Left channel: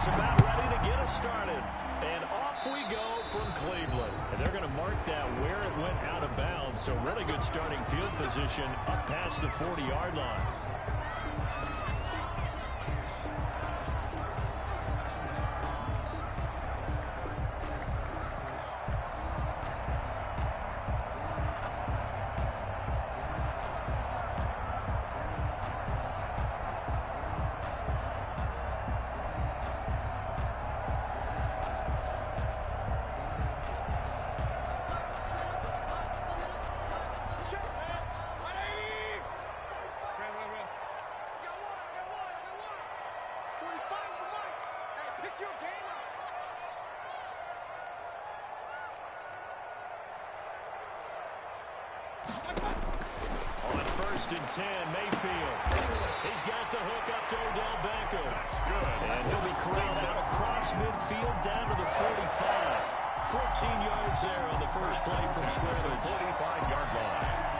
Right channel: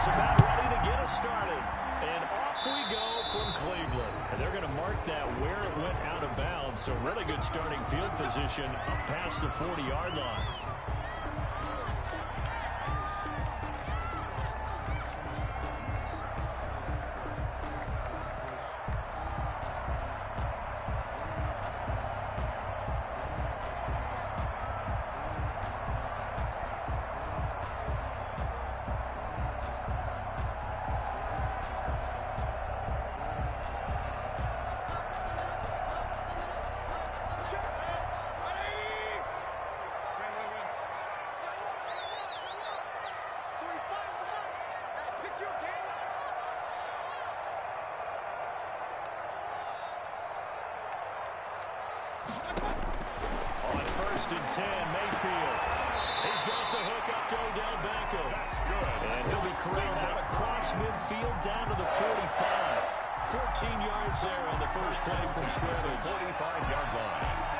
just about ready to get us started. And off we go from Cleveland. And they're going to mark that where it went out of bounds. So really good starting field position up past the 40-yard line. On 1st and 10, Mayfield. He's got the hook up to Odell Beckham. That's good. And he'll be corralled out across midfield down to the 45. 14 yards there on the first play from scrimmage. 45-yard line.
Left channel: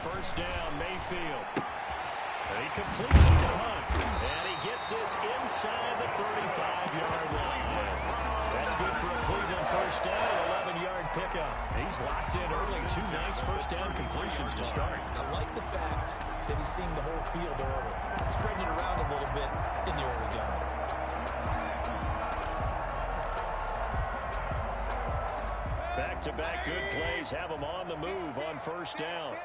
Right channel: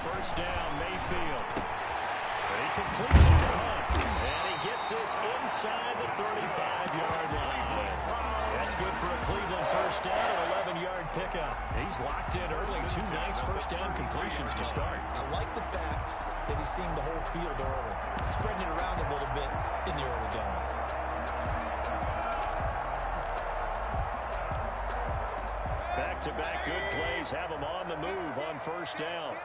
First down, Mayfield. He completes it to Hunt. And he gets this inside the 35-yard line. That's good for a Cleveland first down, an 11-yard pickup. He's locked in early. 2 nice first down completions to start. I like the fact that he's seeing the whole field early, spreading it around a little bit in the early going. Back-to-back good plays have him on the move on first down.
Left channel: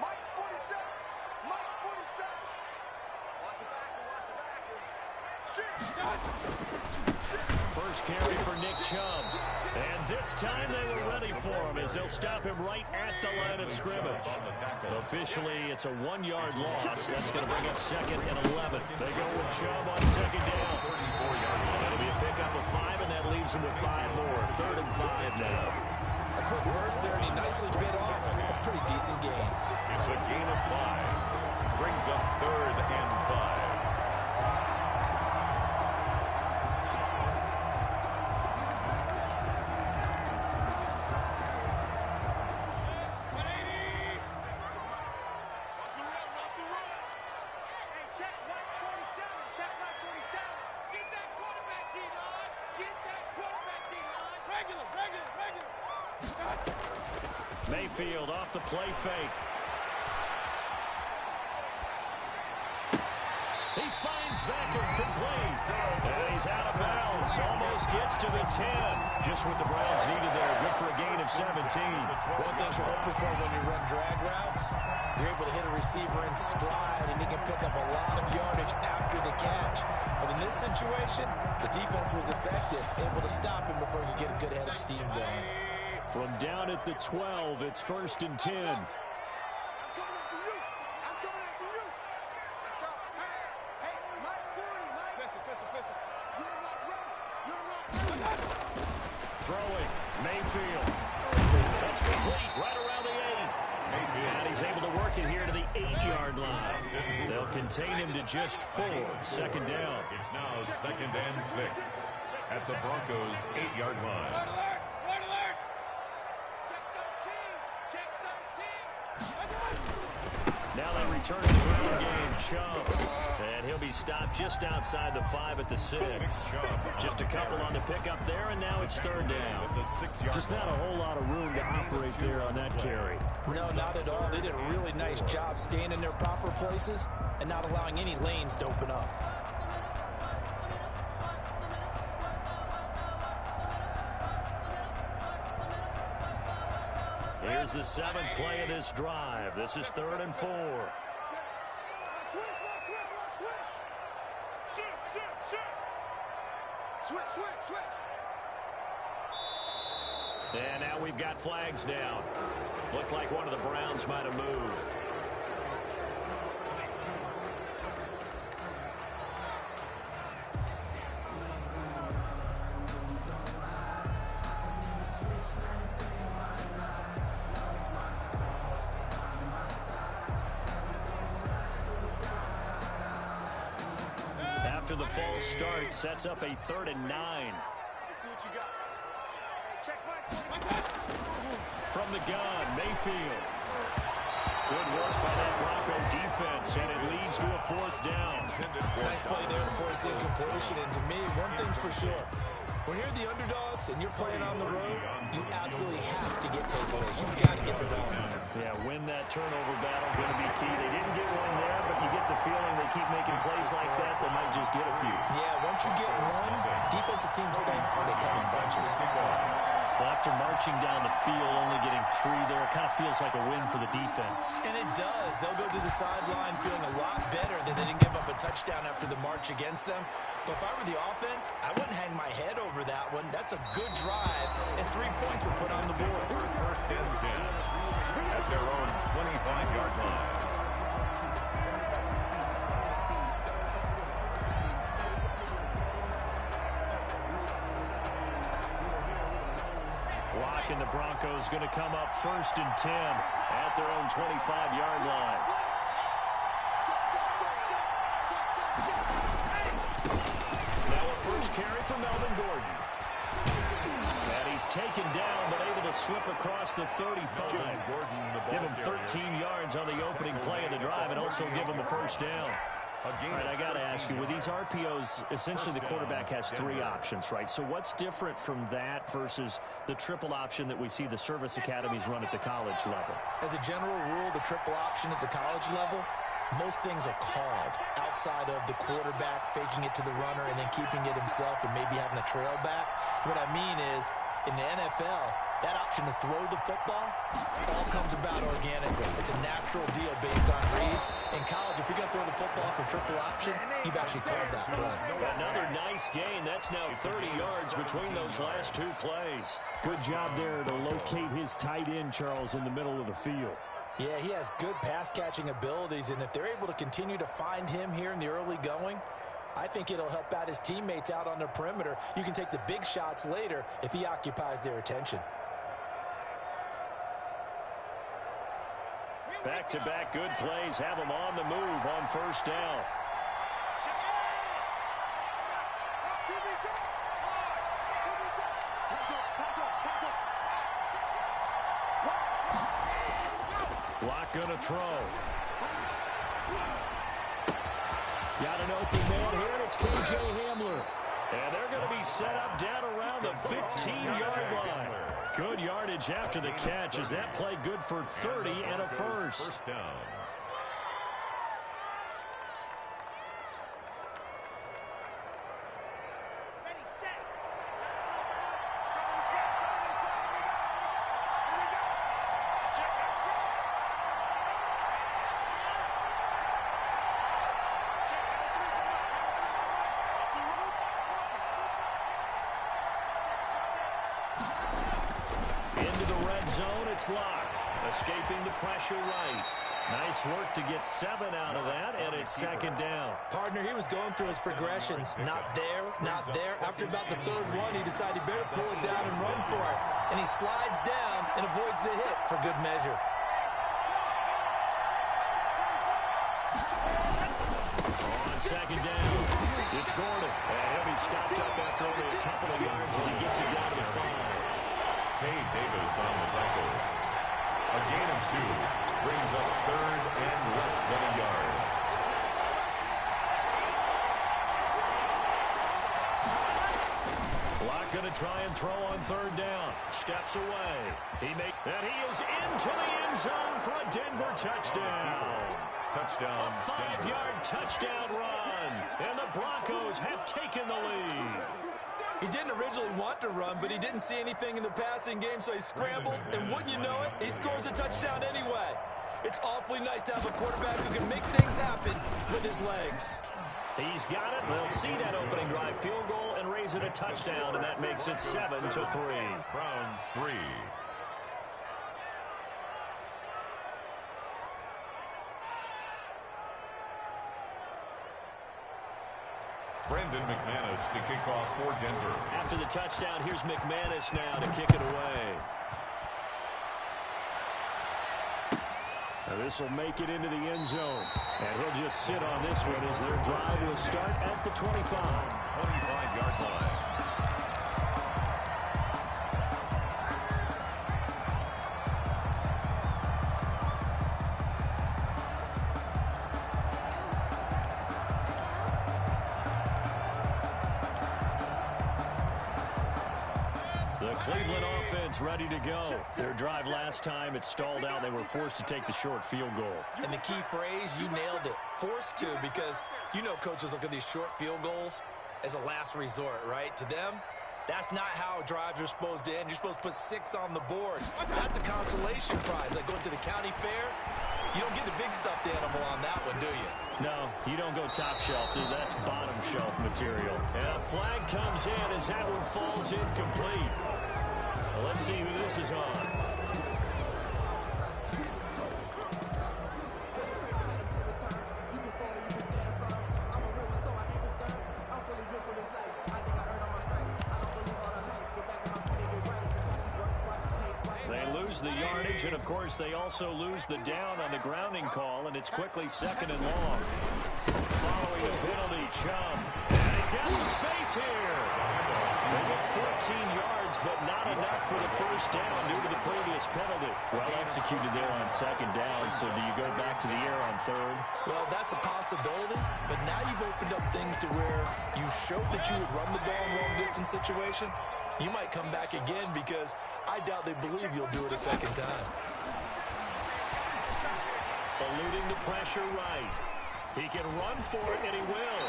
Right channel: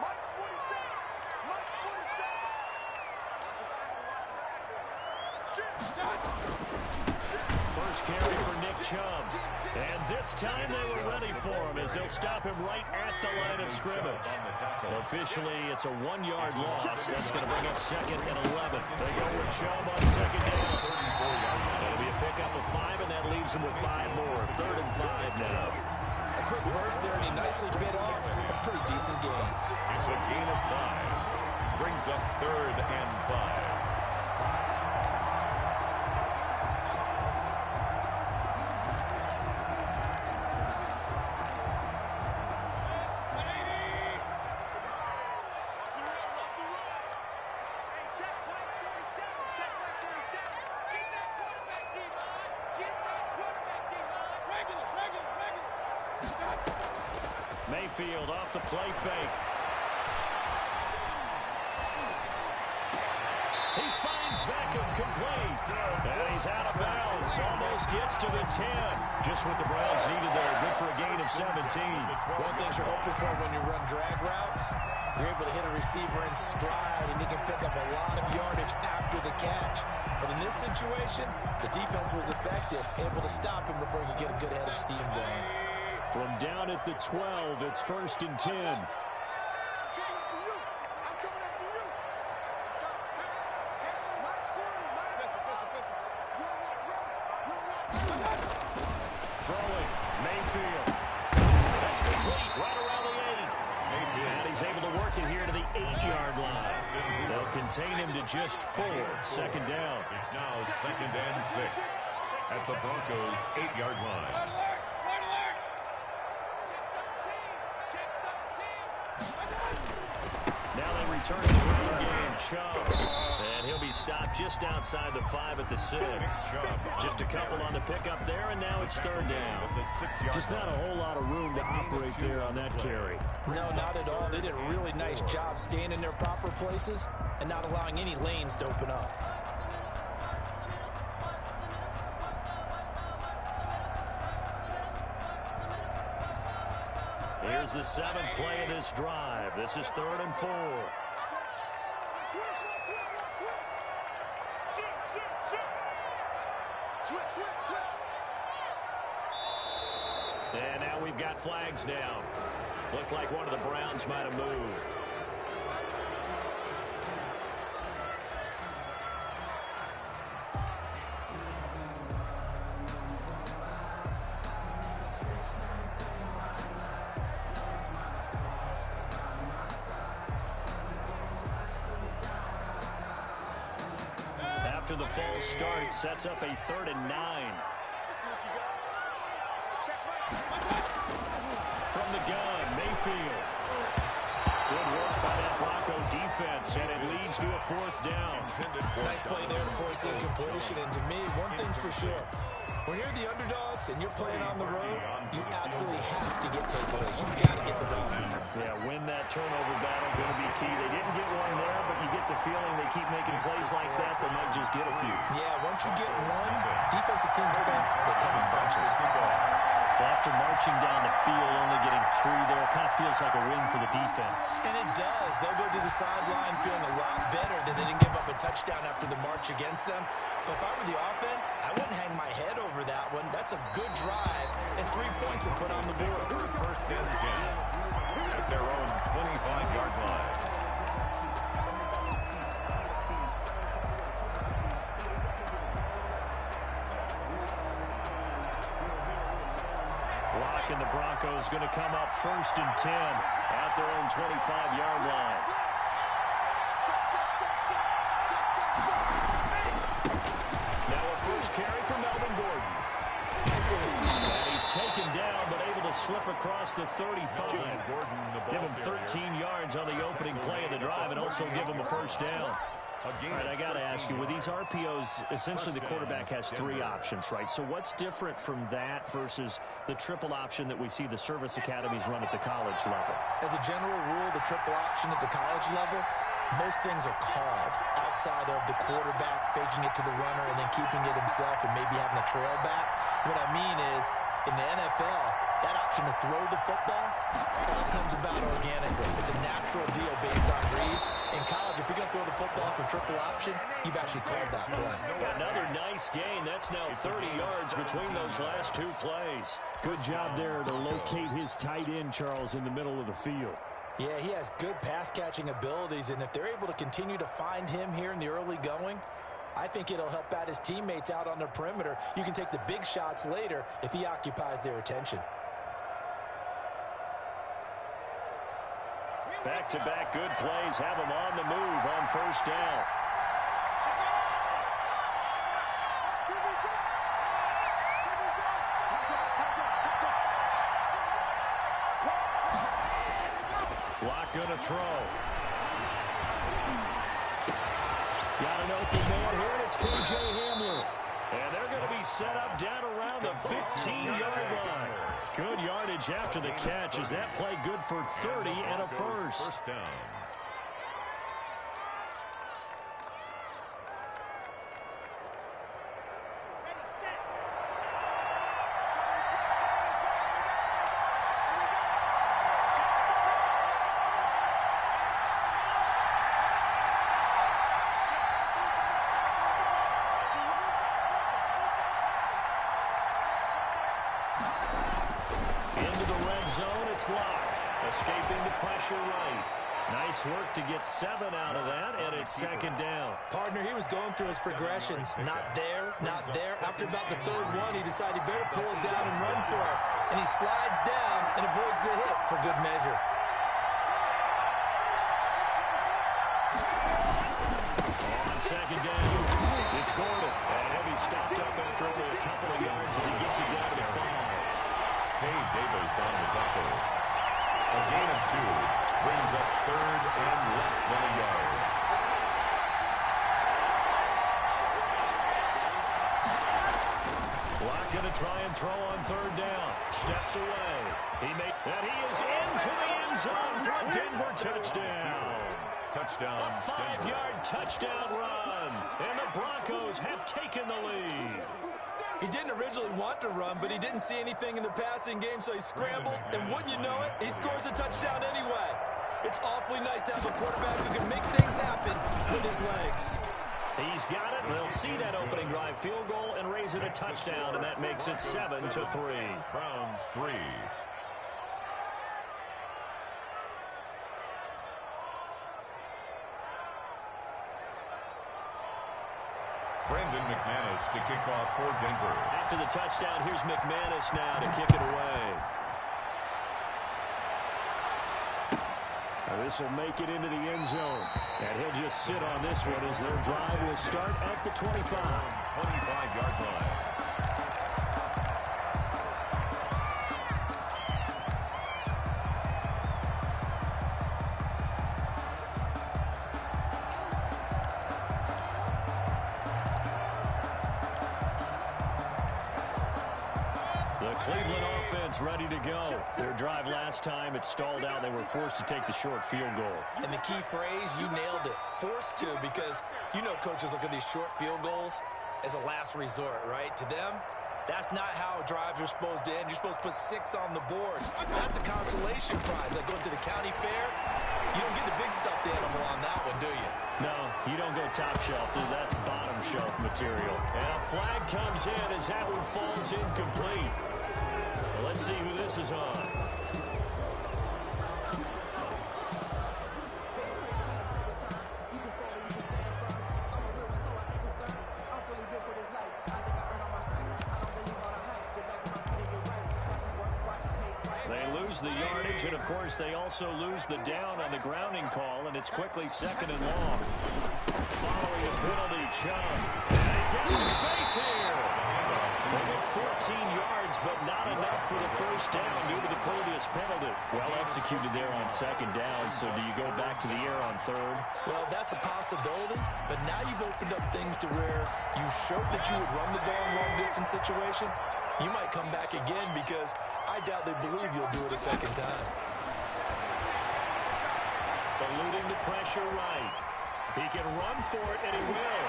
Mike's 47. Mike's 47. Watch the backer. Watch the backer. First carry for Nick Chubb. And this time they were ready for him as they'll stop him right at the line of scrimmage. Officially, it's a 1-yard loss. That's going to bring up 2nd and 11. They go with Chubb on 2nd down. 34-yard line. That'll be a pickup of 5, and that leaves him with 5 more. 3rd and 5 now. A quick burst there, and he nicely bit off a pretty decent gain. It's a gain of 5. Brings up 3rd and 5. Mayfield off the play fake. He finds Beckham complete. And he's out of bounds. Almost gets to the 10. Just what the Browns needed there. Good for a gain of 17. One thing you're hoping for when you run drag routes, you're able to hit a receiver in stride, and he can pick up a lot of yardage after the catch. But in this situation, the defense was effective, able to stop him before he could get a good head of steam going. From down at the 12, it's 1st and 10. I'm coming after you. I'm coming after you. Let's go. Hey, Mike 40, Mike. Pistol. You're not ready. Throwing, Mayfield. That's complete, right around the 8. And he's able to work it here to the 8-yard line. They'll contain him to just 4. 2nd down. It's now 2nd and 6 at the Broncos' 8-yard line. Now they return to the ground game. Chubb. And he'll be stopped just outside the 5 at the 6. Just a couple on the pickup there, and now it's 3rd down. Just not a whole lot of room to operate there on that carry. No, not at all. They did a really nice job staying in their proper places and not allowing any lanes to open up. Here's the 7th play of this drive. This is 3rd and 4. Switch. And now we've got flags down. Looked like one of the Browns might have moved. after the false start. Sets up a 3rd and 9. Let's see what you got. Hey, check Mike. From the gun, Mayfield. Good work by that Bronco defense, and it leads to a 4th down. Nice play there to force the incompletion. And to me, one thing's for sure. When you're the underdogs and you're playing on the road, you absolutely have to get takeaways. You've got to get the ball from them. Yeah, win that turnover battle, going to be key. They didn't get one there, but you get the feeling they keep making plays like that, they might just get a few. Yeah, once you get one, defensive teams think they come in bunches. Well, after marching down the field, only getting 3 there, kind of feels like a win for the defense. And it does. They'll go to the sideline feeling a lot better that they didn't give up a touchdown after the march against them. But if I were the offense, I wouldn't hang my head over that one. That's a good drive, and 3 points were put on the board. 1st and 10 at their own 25-yard line. Locke and the Broncos going to come up 1st and 10 at their own 25-yard line. Now a first carry for Melvin Gordon. And he's taken down, but able to slip across the 35. Give him 13 yards on the opening play of the drive and also give him a 1st down. All right, I got to ask you, with these RPOs, essentially the quarterback has 3 options, right? So what's different from that versus the triple option that we see the service academies run at the college level? As a general rule, the triple option at the college level, most things are called outside of the quarterback faking it to the runner and then keeping it himself and maybe having a trail back. What I mean is, in the NFL, that option to throw the football all comes about organically. It's a natural deal based on reads. In college, if you're going to throw the football for triple option, you've actually called that play. Another nice gain. That's now 30 yards between those last 2 plays. Good job there to locate his tight end, Charles, in the middle of the field. Yeah, he has good pass-catching abilities, and if they're able to continue to find him here in the early going, I think it'll help out his teammates out on the perimeter. You can take the big shots later if he occupies their attention. Back-to-back good plays have him on the move on 1st down. Locke gonna throw. Got an open man here, and it's K.J. Hamler. And they're going to be set up down around the 15-yard line. Good yardage after the catch as that play good for 30 and a 1st. Down. Ready, set. Into the red zone, it's Locke. Escaping the pressure right. Nice work to get 7 out of that, and it's 2nd down. Partner, he was going through his progressions. Not there, not there. After about the 3rd one, he decided he better pull it down and run for it. And he slides down and avoids the hit for good measure. On 2nd down, it's Gordon. And he'll be stopped up after only a couple of yards as he gets it down to the 5. Tay Davis on the tackle. A gain of 2 brings up 3rd and less than a yard. Locke going to try and throw on 3rd down. Steps away. And he is into the end zone for a Denver touchdown. Touchdown. A 5-yard touchdown run. And the Broncos have taken the lead. He didn't originally want to run, but he didn't see anything in the passing game, so he scrambled, and wouldn't you know it, he scores a touchdown anyway. It's awfully nice to have a quarterback who can make things happen with his legs. He's got it. They'll see that opening drive field goal and raise it a touchdown, and that makes it 7-3. Browns 3. Brendan McManus to kick off for Denver. After the touchdown, here's McManus now to kick it away. This will make it into the end zone. And he'll just sit on this one as their drive will start at the 25. 25-yard line. The Cleveland offense ready to go. Their drive last time, it stalled out. They were forced to take the short field goal. And the key phrase, you nailed it. Forced to, because you know coaches look at these short field goals as a last resort, right? To them, that's not how drives are supposed to end. You're supposed to put 6 on the board. That's a consolation prize. Like going to the county fair, you don't get the big stuffed animal on that one, do you? No, you don't go top shelf. That's bottom shelf material. And a flag comes in as that one falls incomplete. Well, let's see who this is on. They lose the yardage, and of course they also lose the down on the grounding call, and it's quickly 2nd and long. Following a penalty, Chubb. And he's got some space here. They get 14 yards, but not enough for the first down due to the previous penalty. Well executed there on 2nd down, so do you go back to the air on 3rd? Well, that's a possibility, but now you've opened up things to where you showed that you would run the ball in long-distance situation. You might come back again because I doubt they believe you'll do it a 2nd time. Eluding the pressure right. He can run for it, and he will.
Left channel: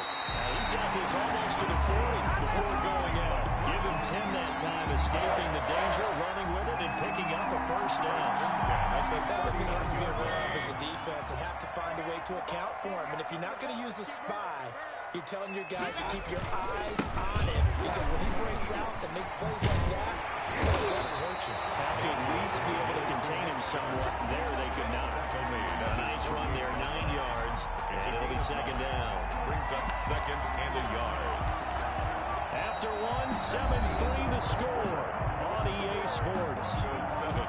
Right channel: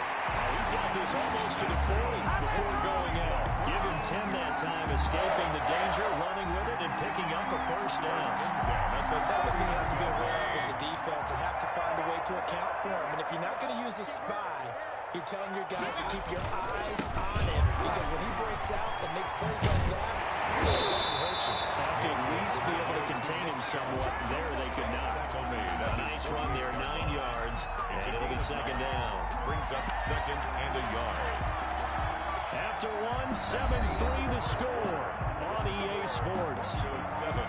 He's got this almost to the 40 before going out. Give him 10 that time, escaping the danger, running with it, and picking up a first down. That's something you have to be aware of as a defense and have to find a way to account for him. And if you're not going to use a spy, you're telling your guys to keep your eyes on him, because when he breaks out and makes plays like that, it does hurt you. Have to at least be able to contain him somewhat. There they could not. A nice run there, 9 yards, and it'll be 2nd down. Brings up 2nd and a yard. After 1, 7-3 the score on EA Sports. Goes 7.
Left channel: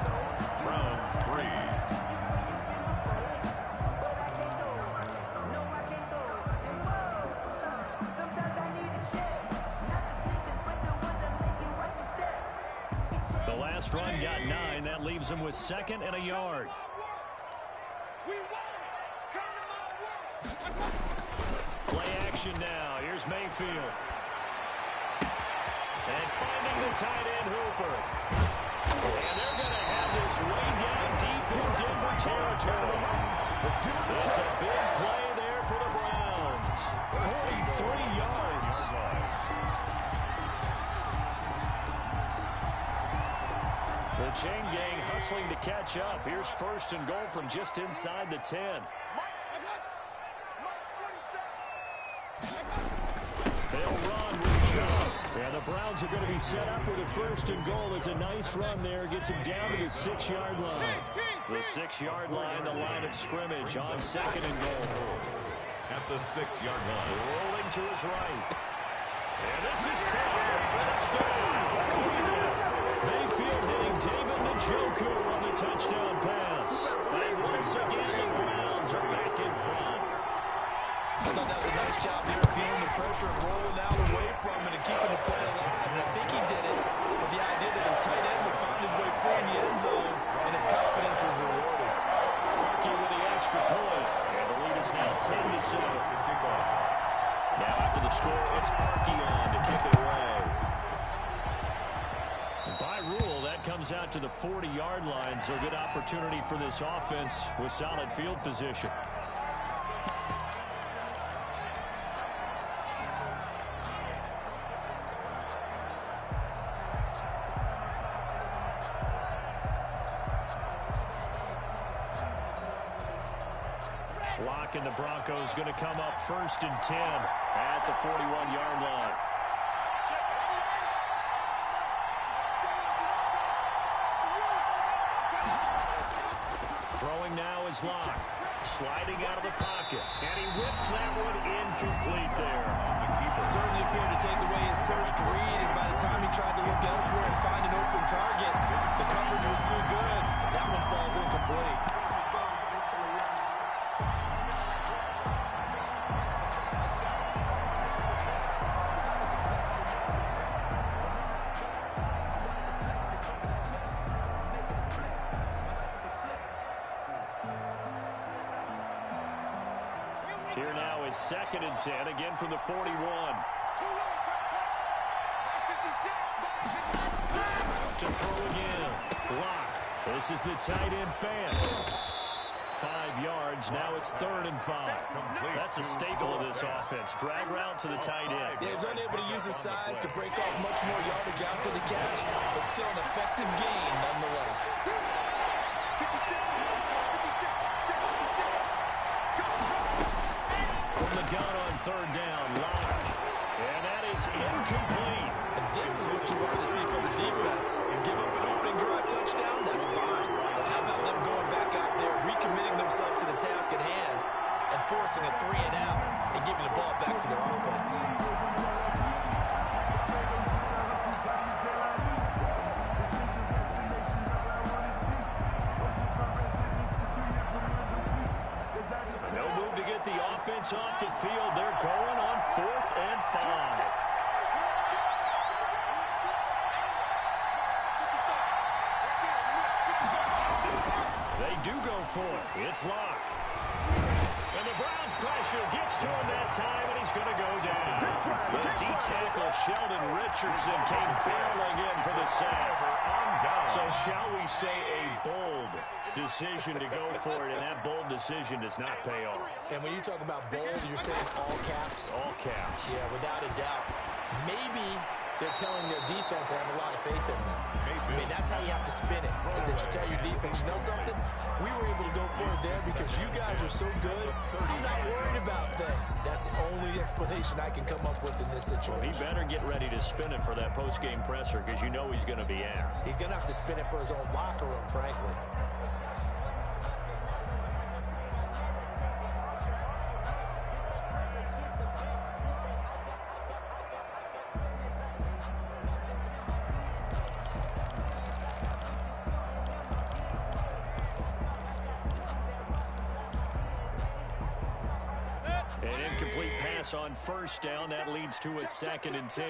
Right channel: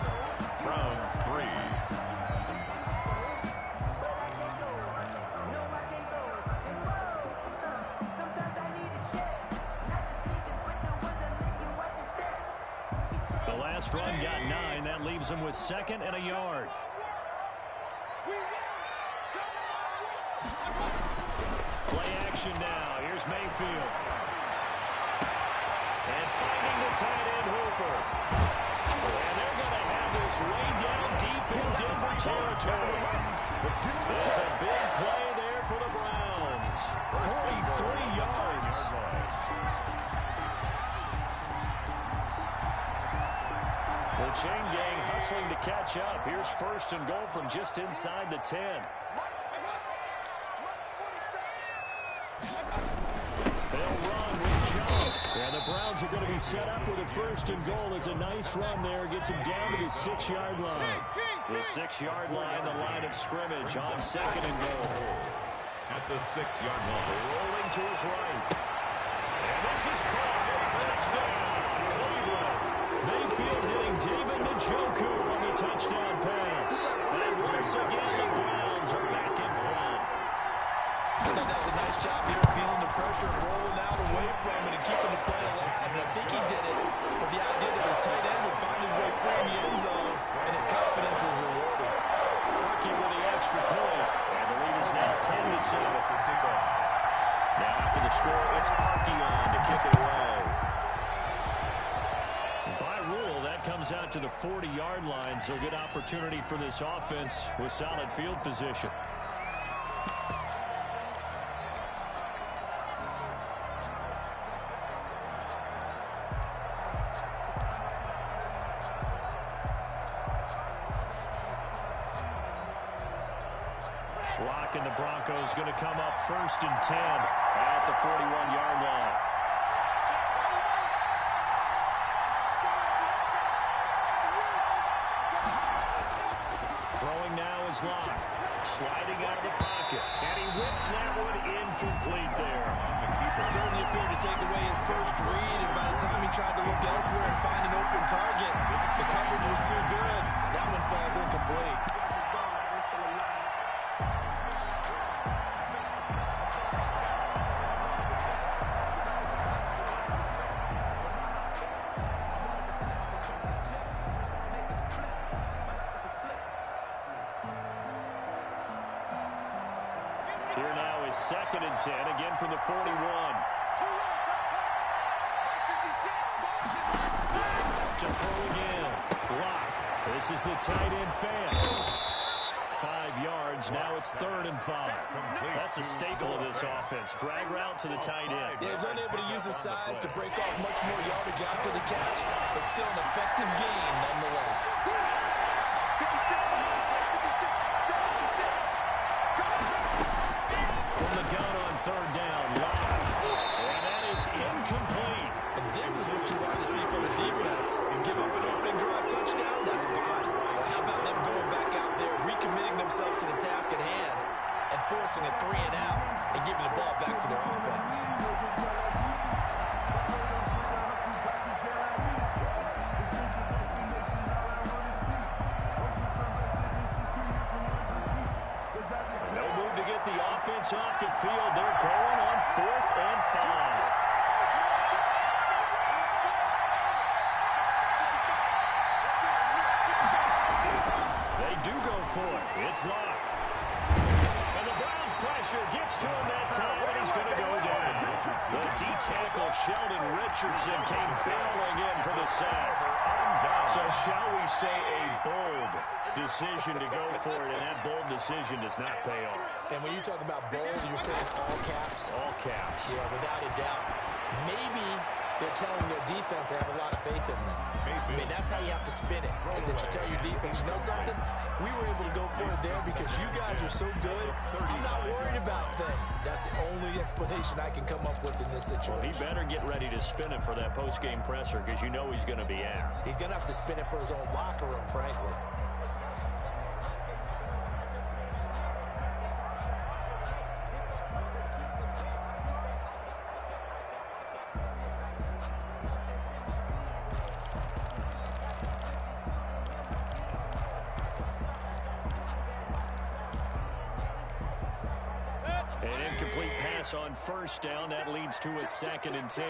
Browns 3. The last run got 9. That leaves him with 2nd and a yard. Play action now. Here's Mayfield. And finding the tight end Hooper. And they're going to have this way down deep in Denver territory. It's a big play there for the Browns. 43 yards. The chain gang hustling to catch up. Here's 1st and goal from just inside the 10. They'll run with Chubb. And the Browns are going to be set up with a 1st and goal. It's a nice run there. Gets him down to the 6-yard line. The 6-yard line, the line of scrimmage on 2nd and goal. At the 6-yard line. Rolling to his right. And this is caught. Touchdown, Cleveland. Mayfield hitting David Njoku on the touchdown pass. And once again, the Browns are back in front. I thought that was a nice job there, feeling the pressure and rolling out away from it and keeping the play alive. And I think he did it with the idea that his tight end would find his way free in the end zone, and his confidence was rewarded. Parkey with the extra point, and the lead is now 10-7. Now after the score, it's Parkey on to kick it away. By rule, that comes out to the 40-yard line, so good opportunity for this offense with solid field position. Lock and the Broncos going to come up 1st and 10 at the 41-yard line. Throwing now is Locke. Sliding out of the pocket. And he whips that one incomplete there. Certainly appeared to take away his first read, and by the time he tried to look elsewhere and find an open target, the coverage was too good. That one falls incomplete. Here now is 2nd and 10, again from the 41. To throw again. Lock. This is the tight end fan. 5 yards. Now it's 3rd and 5. That's a staple of this offense. Drag route to the tight end. Yeah, he's unable to use his size to break off much more yardage after the catch, but still an effective gain nonetheless. From the gun on 3rd down, Lock. And that is incomplete. And this is what you want to see from the defense. Give up an opening drive touchdown, that's fine. But how about them going back out there, recommitting themselves to the task at hand, and forcing a 3 and out, and giving the ball back to their offense? No move to get the offense off the field. They're going on 4th and 5. They do go for it. It's Lock. And the Browns pressure gets to him that time, and he's going to go down. The D-tackle, Sheldon Richardson, came barreling in for the sack. So shall we say a bold decision to go for it, and that bold decision does not pay off. And when you talk about bold, you're saying all caps? All caps. Yeah, without a doubt. Maybe they're telling their defense they have a lot of faith in them. I mean, that's how you have to spin it, is that you tell your defense, you know something? We were able to go for it there because you guys are so good. I'm not worried about things. That's the only explanation I can come up with in this situation. Well, he better get ready to spin it for that post-game presser because you know he's going to be out. He's going to have to spin it for his own locker room, frankly. An incomplete pass on 1st down. That leads to a 2nd and 10.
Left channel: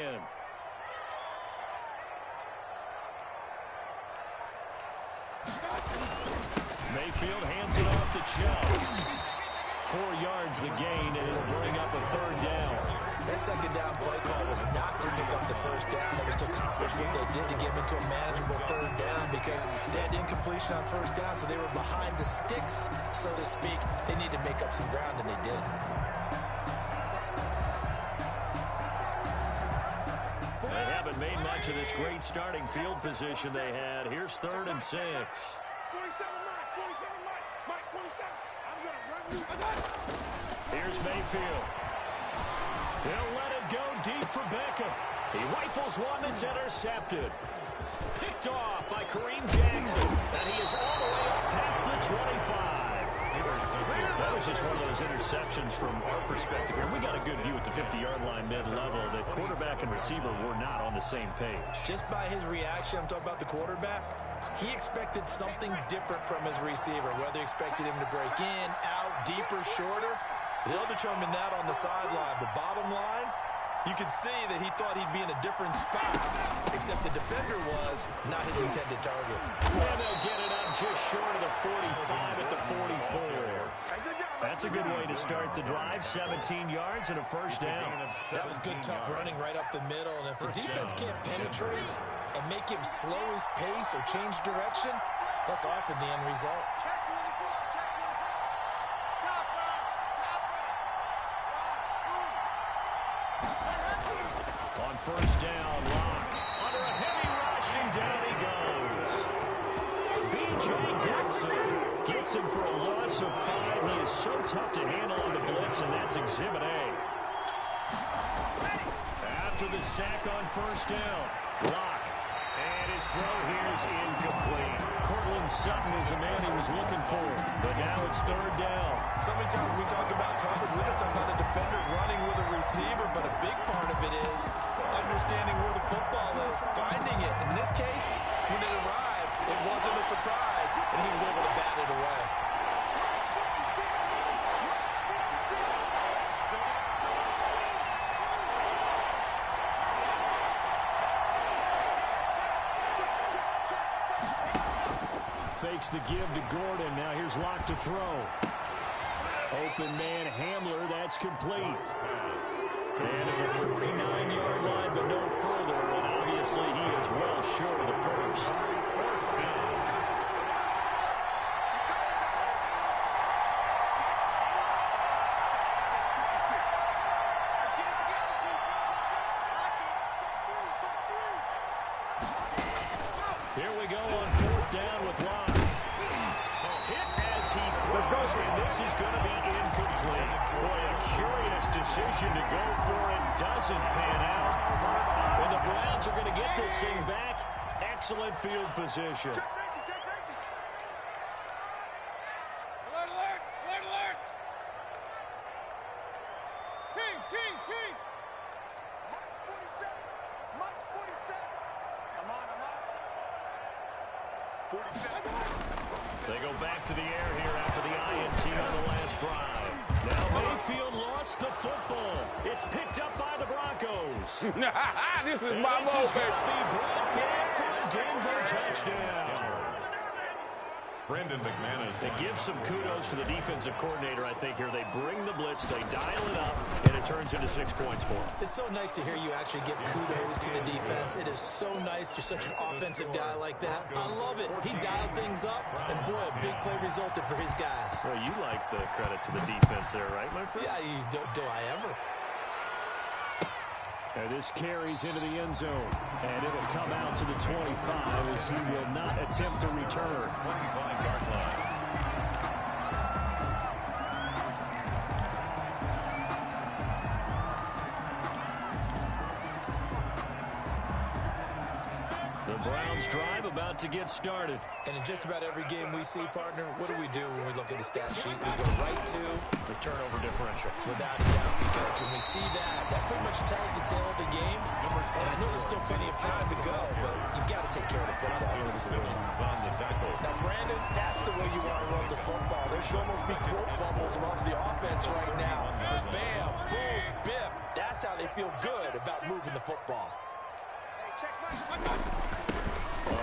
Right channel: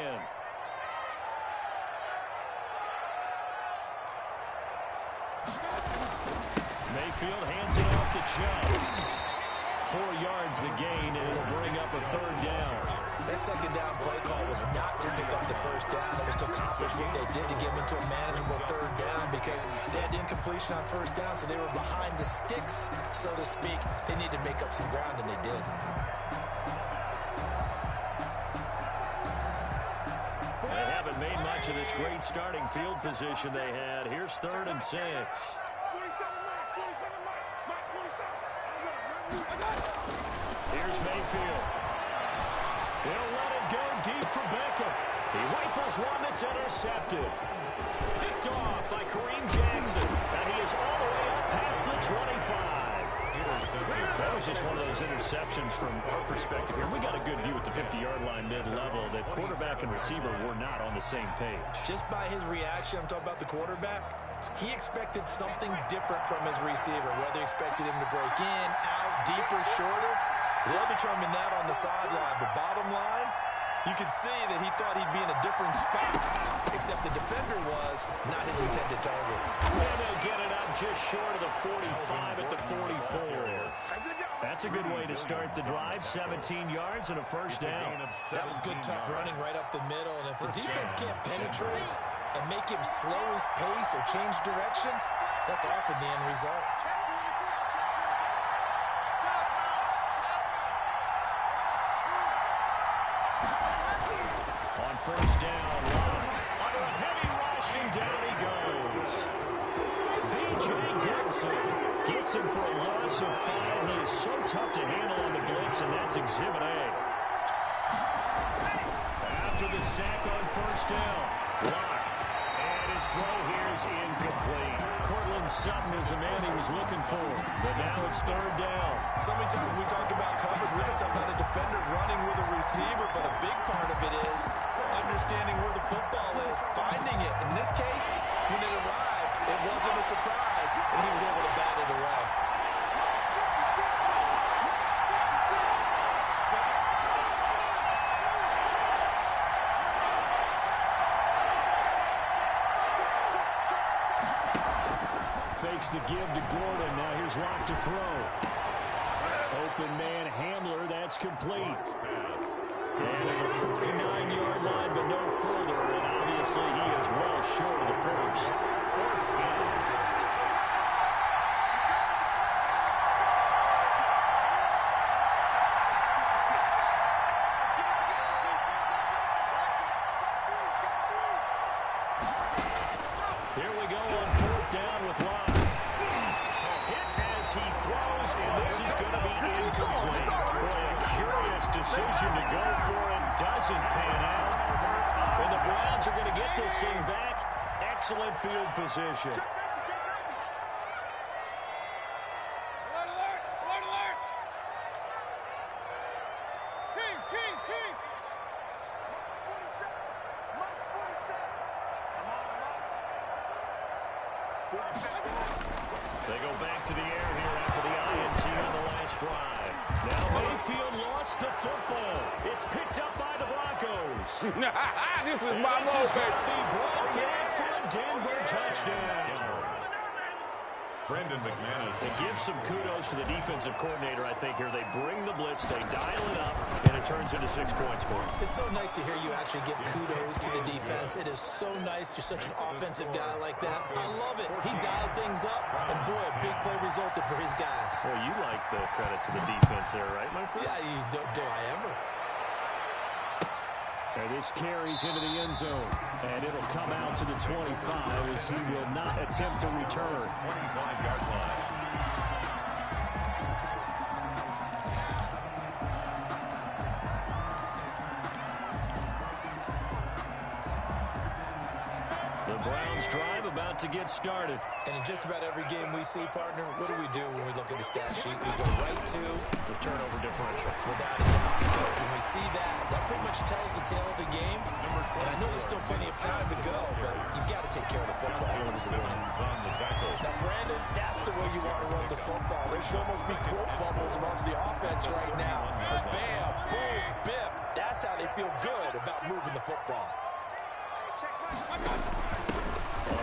Mayfield hands it off to Chubb. 4 yards the gain, and it'll bring up a 3rd down. That 2nd down play call was not to pick up the 1st down. It was to accomplish what they did to get them into a manageable 3rd down because they had incompletion on 1st down, so they were behind the sticks, so to speak. They needed to make up some ground, and they did. They haven't made much of this great starting field position they had. Here's 3rd and 6. 47 Mike, 47. I'm going to run you. Here's Mayfield. He'll let it go deep for Beckham. He rifles one that's intercepted. Picked off by Kareem Jackson. And he is all the way up past the 25. That was just one of those interceptions from our perspective here. We got a good view at the 50-yard line mid-level that quarterback and receiver were not on the same page. Just by his reaction, I'm talking about the quarterback, he expected something different from his receiver, whether he expected him to break in, out, deeper, shorter. They'll determine that on the sideline. But bottom line, you can see that he thought he'd be in a different spot, except the defender was not his intended target. And they'll get it up just short of the 45 at the 44. That's a good way to start the drive. 17 yards and a 1st down. That was good, tough running right up the middle. And if the defense can't penetrate and make him slow his pace or change direction, that's often the end result. On 1st down, Lock. Under a heavy rush, and down he goes. B.J. Goodson gets him for a loss of 5. He is so tough to handle on the blitz, and that's Exhibit A. After the sack on 1st down, Lock. And his throw here is incomplete. Cortland Sutton is the man he was looking for, but now it's 3rd down. So many times we talk about coverage, we're just talking about a defender running with a receiver, but a big part of it is understanding where the football is, finding it. In this case, when it arrived, it wasn't a surprise, and he was able to bat it away. Fakes the give to Gordon. Now here's Lock to throw. Open man Hamler, that's complete. Pass. And at the 49-yard line, but no further. And obviously he is well short of the first. Fourth down. Here we go on fourth down with Locke. Hit as he throws, and this is going to be incomplete. Boy, a curious decision to go for it. Doesn't pan out. And the Browns are going to get this thing back. Excellent field position. Check safety, check safety. Alert, alert, alert, alert. King. March 47. March 47. I'm on. 47. They go back to the air here after the INT on the last drive. Now Mayfield lost the football. It's picked up by the Broncos. This is And my this is going moment. to be brought back for a Denver touchdown. Brendan McManus. They give some kudos to the defensive coordinator, I think, here. They bring the blitz, they dial it up, and it turns into 6 points for them. It's so nice to hear you actually give kudos to the defense. It is so nice. You're such an offensive guy like that. I love it. He dialed things up, and boy, a big play resulted for his guys. Well, you like the credit to the defense there, right, my friend? Yeah, do I ever? And this carries into the end zone, and it'll come out to the 25 as he will not attempt to return. 25-yard line. The Browns drive about to get started. And in just about every game we see, partner, what do we do when we look at the stat sheet? We go right to The turnover differential. without a doubt, because when we see that, that pretty much tells the tale of the game. And I know there's still plenty of time to go, but you've got to take care of the football in order to win it. Simmons on the tackle. Now, Brandon, that's the way you want to run the football. There should almost be quote bubbles among the offense right now. Bam, boom, biff. That's how they feel good about moving the football. Check my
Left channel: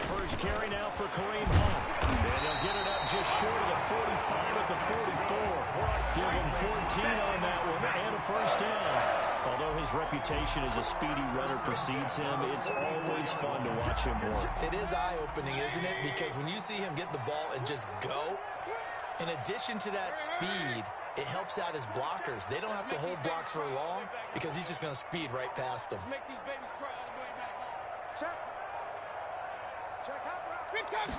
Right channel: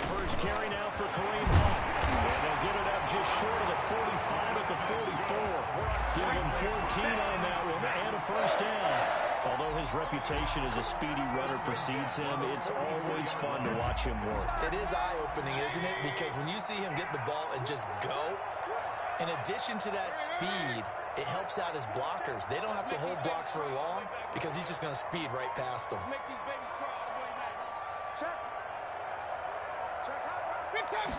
First carry now for Kareem Hunt. And they'll get it up just short of the 45 at the 44. Give him 14 on that one and a first down. Although his reputation as a speedy runner precedes him, it's always fun to watch him work. It is eye-opening, isn't it? Because when you see him get the ball and just go, in addition to that speed, it helps out his blockers. They don't have to hold blocks for long because he's just going to speed right past them. Make these babies crawl all the way back. Check. Check out route. Big time.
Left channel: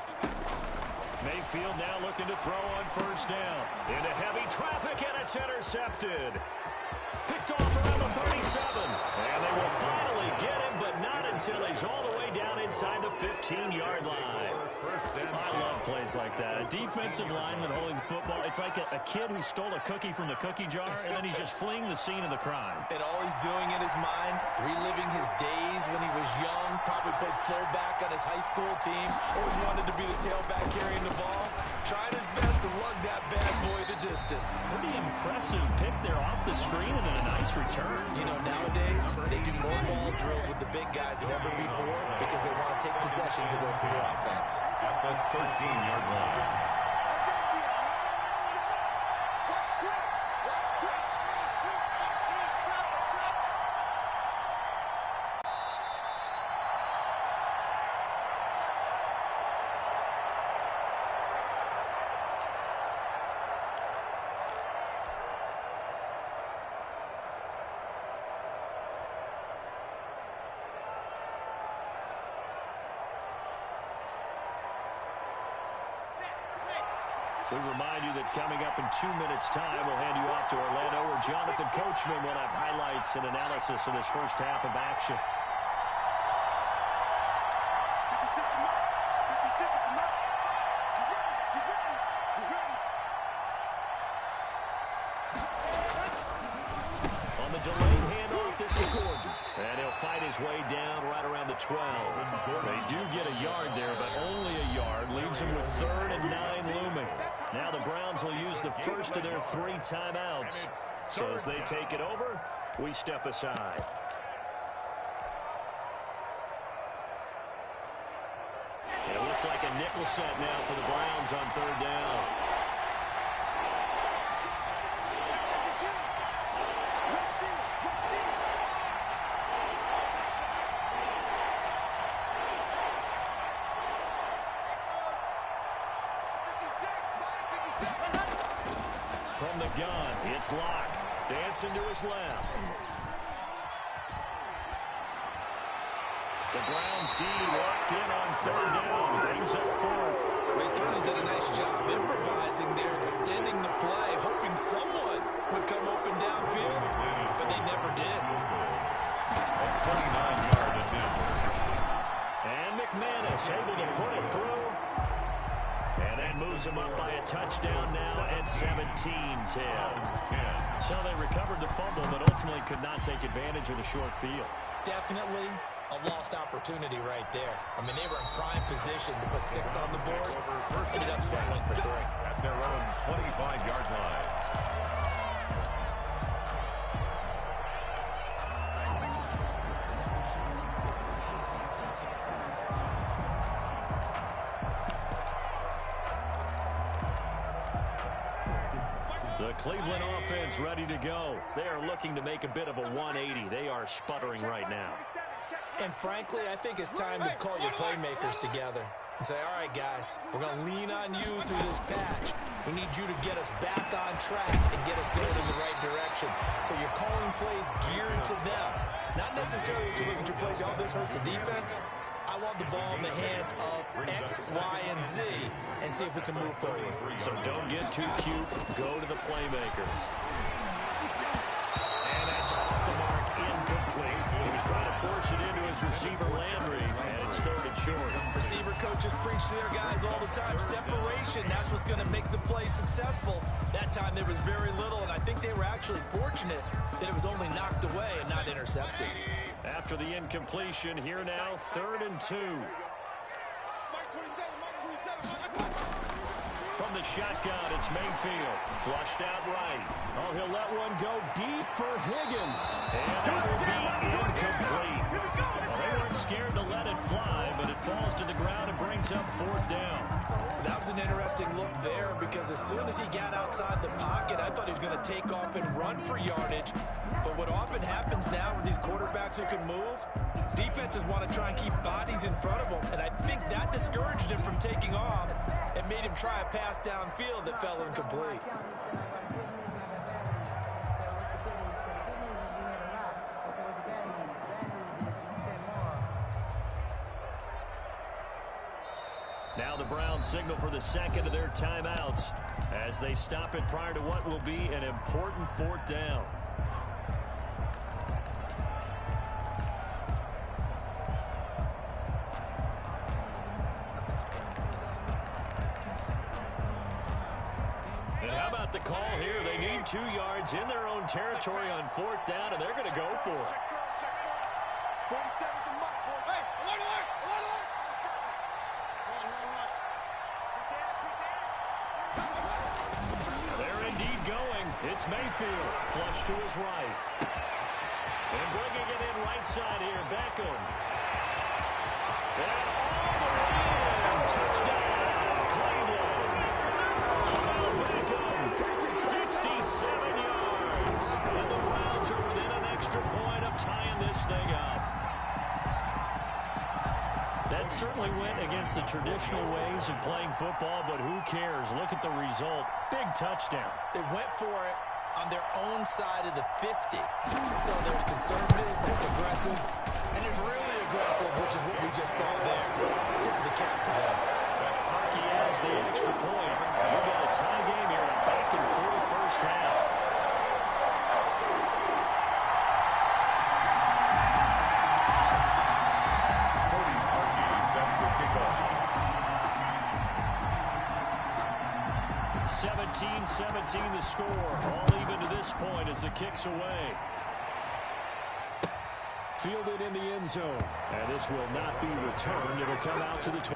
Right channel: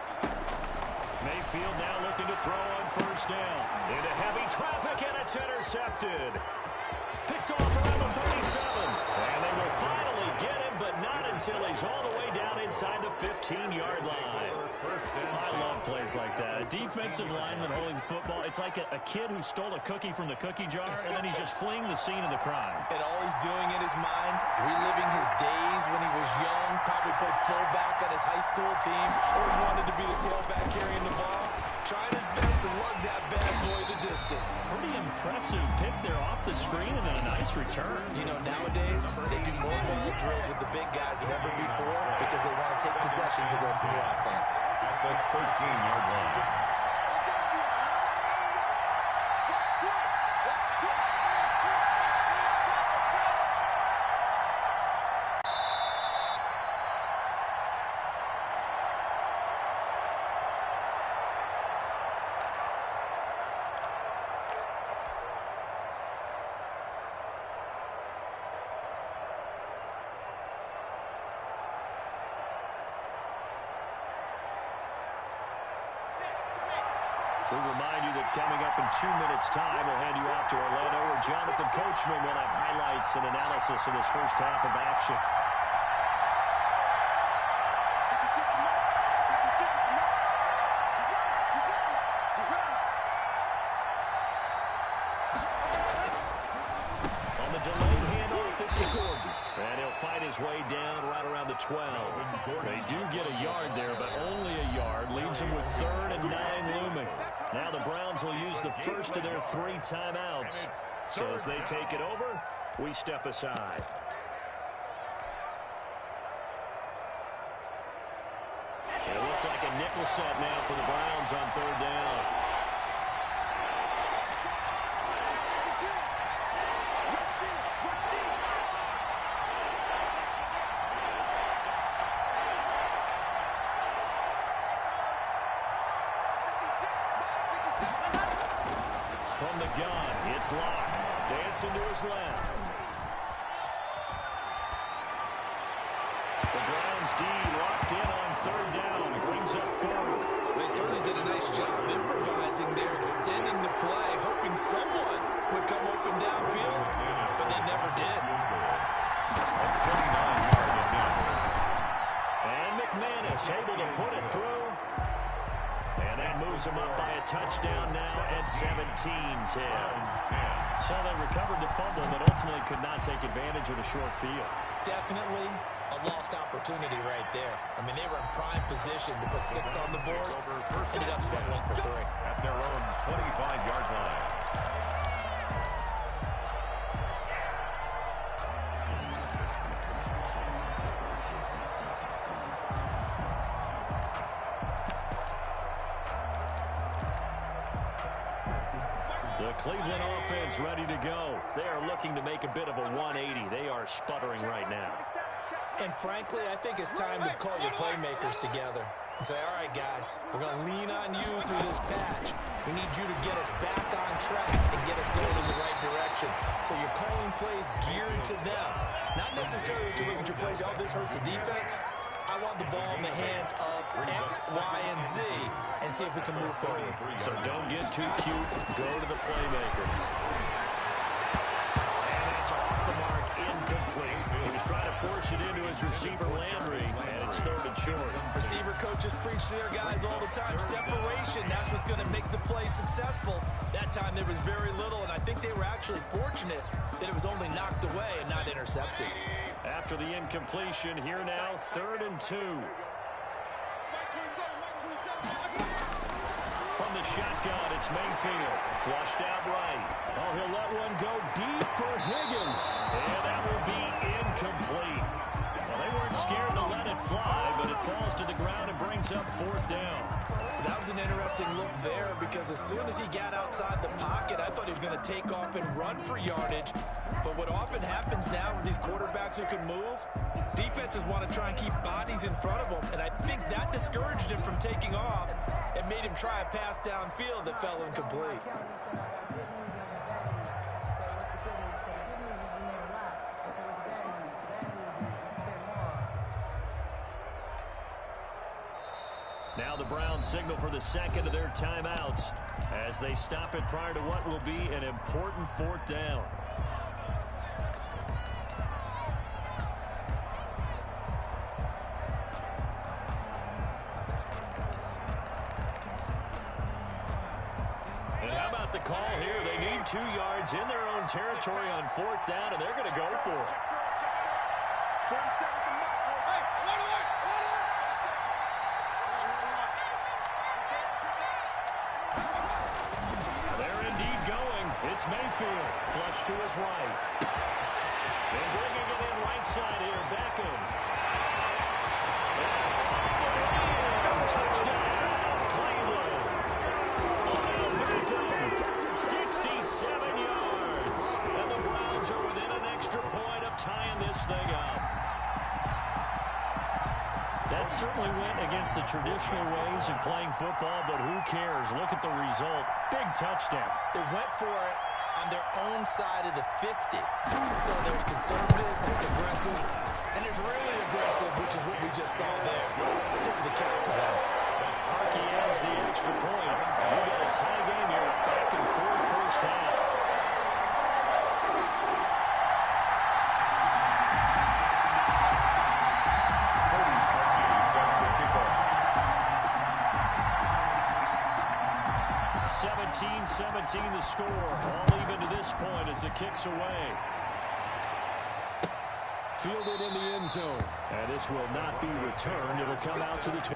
Mayfield now looking to throw on first down. Into heavy traffic, and it's intercepted. Picked off around the 37. And they will finally get him, but not until he's all the way down inside the 15-yard line. I love plays like that. A defensive lineman holding the football. It's like a kid who stole a cookie from the cookie jar, and then he's just fleeing the scene of the crime. And all he's doing in his mind, reliving his days when he was young, probably played fullback on his high school team, always wanted to be the tailback carrying the ball, trying his best to lug that bad boy the distance. Pretty impressive pick there off the screen and then a nice return. You know, nowadays, they do more ball drills with the big guys than ever before because they want to take possessions away from the offense. At the 13-yard line. Watch Twitch. Watch Twitch. 3, 2, 15. Chop it, chop it. We remind you that coming up in 2 minutes' time, we'll hand you off to Orlando, where Jonathan Coachman will have highlights and analysis of this first half of action. 56 the mark. 56 the mark. You ready? You ready? On the delayed handoff, this is Gordon. And he'll fight his way down right around the 12. They do get a yard there, but only a yard. Leaves them with 3rd and 9 looming. Now the Browns will use the first of their 3 timeouts. So as they take it over, we step aside. It looks like a nickel set now for the Browns on 3rd down. From the gun, it's Locke. Dancing to his left. The Browns D locked in on third down. Brings up fourth. They certainly did a nice job improvising there, extending the play, hoping someone would come open downfield, but they never did. 29-yard attempt. And McManus able to put it through. And that moves him up by a touchdown now at 17-10. So they recovered the fumble, but ultimately could not take advantage of the short field. Definitely a lost opportunity right there. I mean, they were in prime position to put 6 on the board. Ended up settling for 3. At their own 25-yard line. The Cleveland offense ready to go. They are looking to make a bit of a 180. They are sputtering right now. And frankly, I think it's time to call your playmakers together and say, all right, guys, we're going to lean on you through this patch. We need you to get us back on track and get us going in the right direction. So you're calling plays geared to them. Not necessarily that you look at your plays, oh, this hurts the defense. I want the ball in the hands of X, Y, and Z and see if we can move forward. So don't get too cute. Go to the playmakers. And that's off the mark, incomplete. He was trying to force it into his receiver, Landry, and it's third and short. Receiver coaches preach to their guys all the time. Separation, that's what's going to make the play successful. That time there was very little, and I think they were actually fortunate that it was only knocked away and not intercepted. After the incompletion, here now, 3rd and 2. From the shotgun, it's Mayfield. Flushed out right. Oh, he'll let one go deep for Higgins. And that will be incomplete. Well, they weren't scared to let it fly, but it falls to the ground and brings up 4th down. That was an interesting look there because as soon as he got outside the pocket, I thought he was going to take off and run for yardage. But what often happens now with these quarterbacks who can move, defenses want to try and keep bodies in front of them. And I think that discouraged him from taking off and made him try a pass downfield that fell incomplete. Now the Browns signal for the second of their timeouts as they stop it prior to what will be an important 4th down. And how about the call here? They need 2 yards in their own territory on 4th down, and they're going to go for it. They're indeed going. It's Mayfield. Flush to his right. And bringing it in right side here, Beckham. And all the way in. Touchdown, Cleveland. Odell Beckham, 67 yards. And the Browns are within an extra point of tying this thing up. That certainly went against the traditional ways of playing football, but who cares? Look at the result. Big touchdown. They went for it on their own side of the 50. So there's conservative, there's aggressive, and there's really aggressive, which is what we just saw there. Tip of the cap to them. Parkey adds the extra point. We got a tie game here, a back-and-forth first half. Set to kick off. 17-17 the score. All even to this point as the kick's away. Fielded in the end zone. And this will not be returned. It'll come out to the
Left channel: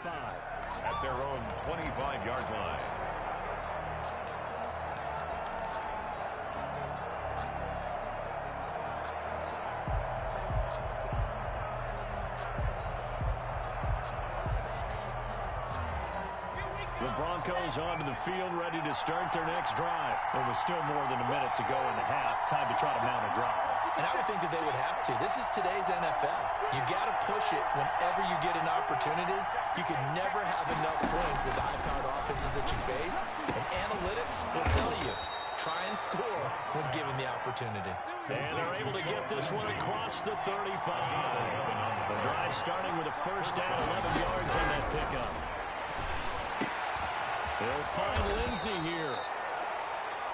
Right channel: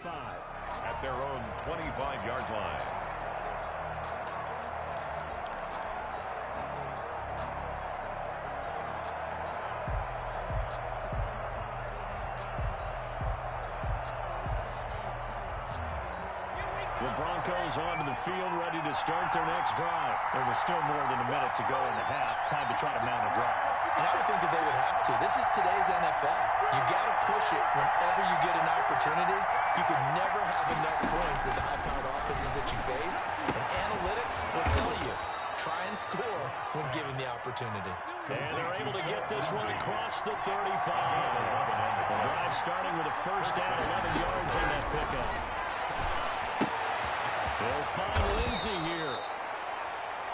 5. At their own 25-yard line. The Broncos onto the field, ready to start their next drive. There was still more than a minute to go in the half. Time to try to mount a drive. And I would think that they would have to. This is today's NFL. You got to push it whenever you get an opportunity. You can never have enough points with the high-powered offenses that you face. And analytics will tell you, try and score when given the opportunity. And they're able to get this one across the 35. The drive starting with a first down, 11 yards on that pickup. They'll find Lindsey here.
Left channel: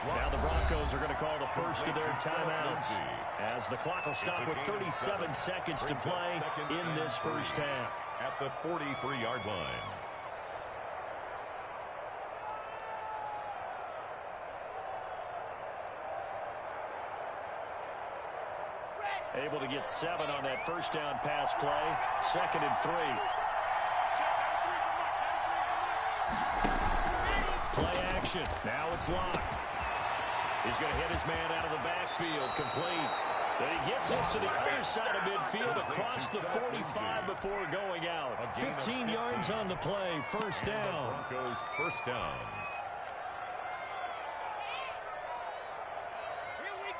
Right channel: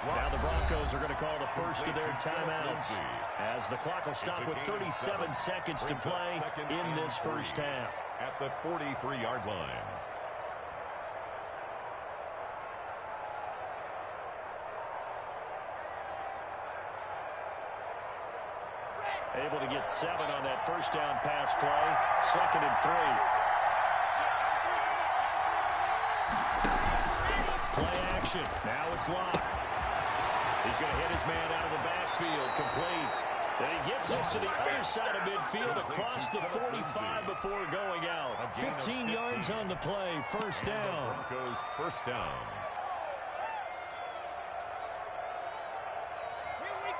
Now the Broncos are going to call the first of their timeouts as the clock will stop with 37 seconds to play in this first half. At the 43-yard line. Able to get 7 on that first down pass play. 2nd and 3. Play action. Now it's Locke. He's going to hit his man out of the backfield. Complete. Then he gets this to the other side of midfield across the 45 before going out. 15 yards on the play. First down. Broncos first down. Here we go.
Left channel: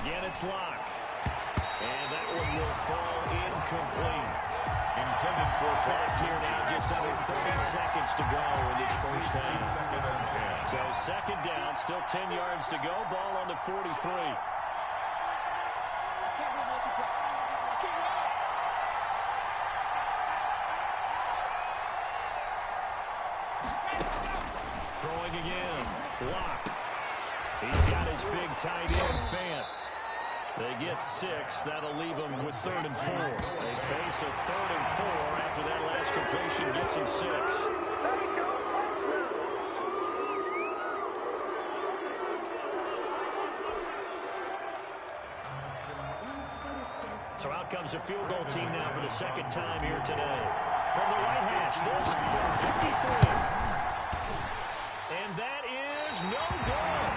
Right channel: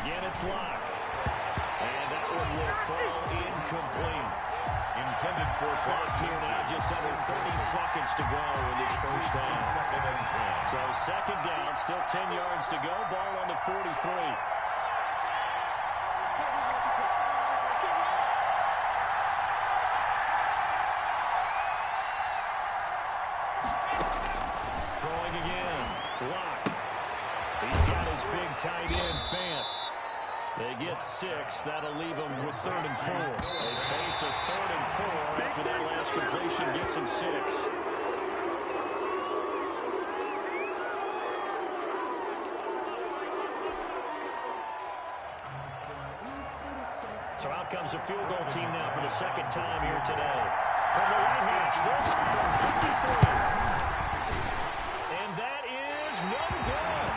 Again, it's Locke. And that one will fall incomplete. Intended for Clock here now, just under 30 seconds to go in this first half. 2nd and 10. So 2nd down, still 10 yards to go. Ball on the 43. Throwing again. Locke. He's got his big tight end, Fant. They get 6. That'll leave them with 3rd and 4. They face a 3rd and 4 after that last completion gets them 6. So out comes a field goal team now for the 2nd time here today. From the right hash, this from 53. And that is no good.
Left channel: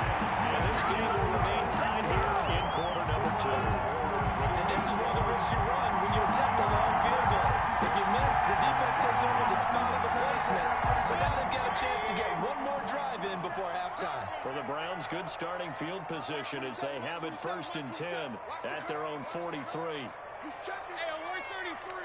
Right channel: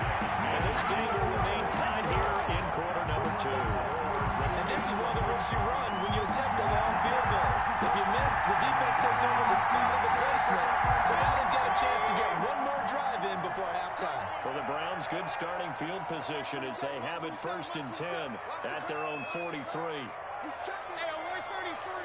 And this game will remain tied here in quarter number 2. And this is one of the risks you run when you attempt a long field goal. If you miss, the defense takes over the spot of the placement. So now they've got a chance to get one more drive in before halftime. For the Browns, good starting field position as they have it 1st and 10 at their own 43. He's checking. Hey, 133.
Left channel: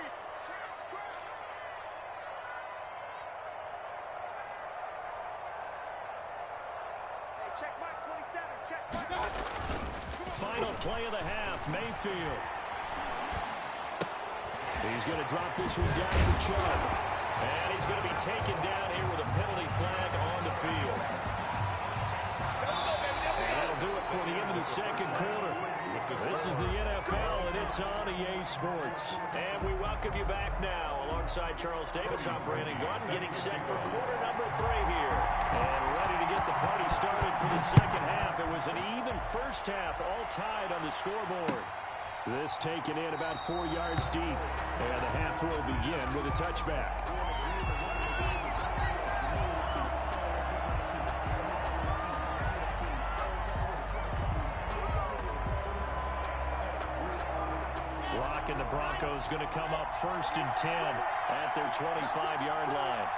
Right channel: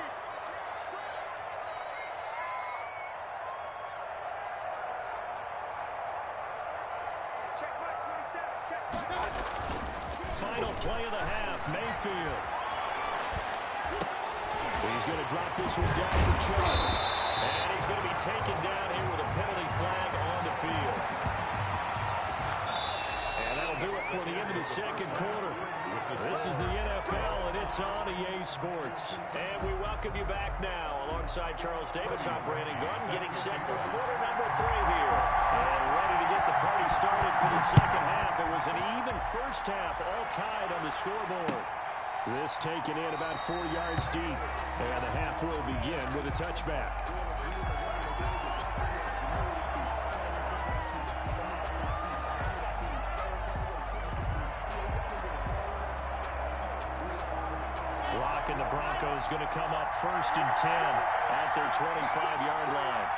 Check Mike, 27. Check Mike. Final play of the half, Mayfield. He's going to drop this one down for Chubb. And he's going to be taken down here with a penalty flag on the field. And that'll do it for the end of the 2nd quarter. This is the NFL, and it's on EA Sports. And we welcome you back now. Alongside Charles Davis, I'm Brandon Gunn, getting set for quarter number 3 here. And ready to get the party started for the 2nd half. It was an even first half, all tied on the scoreboard. This taken in about 4 yards deep. And the half will begin with a touchback. Locke and the Broncos going to come up 1st and 10 at their 25-yard line.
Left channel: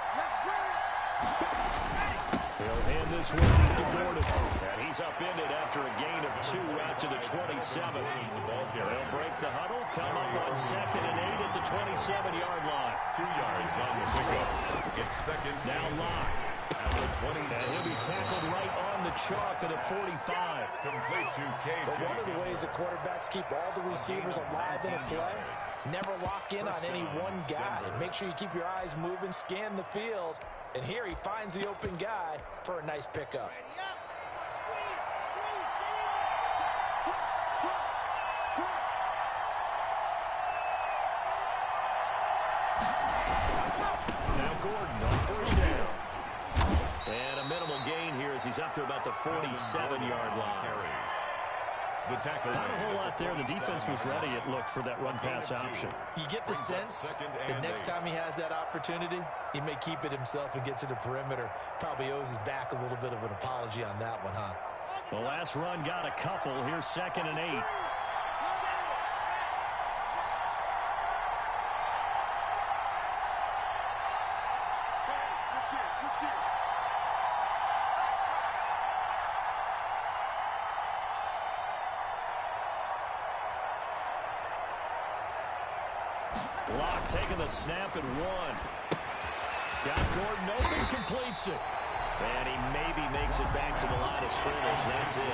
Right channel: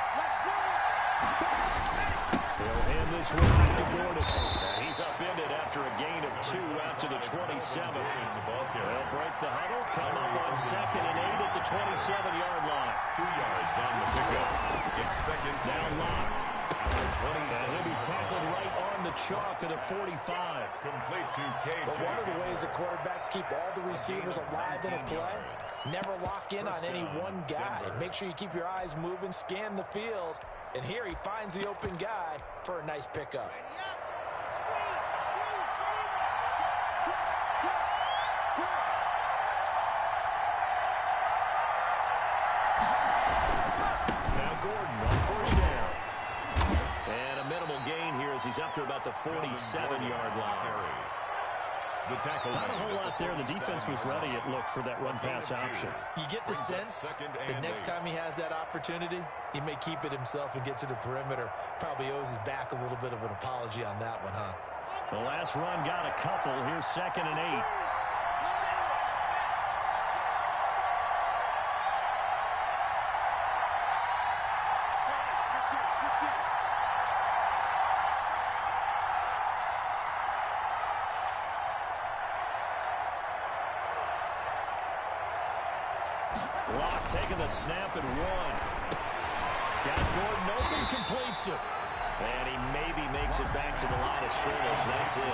He'll hand this one off to Gordon. And he's upended after a gain of 2 out to the 27. They'll break the huddle, come up on 2nd and 8 at the 27-yard line. 2 yards on the pickup. It's 2nd. Now Locke. At the 27. And he'll be tackled right on the chalk of the 45. Complete to KJ. But one of the ways that quarterbacks keep all the receivers alive in a play, never lock in on any one guy. Make sure you keep your eyes moving, scan the field. And here he finds the open guy for a nice pickup. Ready up. Squeeze, squeeze, get in there. Cross. Gordon on first down. And a minimal gain here as he's up to about the 47-yard line. The tackle Not a whole lot there. The defense was ready, it looked, for that run-pass option. You get the sense that next time he has that opportunity, he may keep it himself and get to the perimeter. Probably owes his back a little bit of an apology on that one, huh? The last run got a couple. Here's 2nd and 8. Block taking the snap and one. Got Gordon open, completes it. And he maybe makes it back to the line of scrimmage. That's it.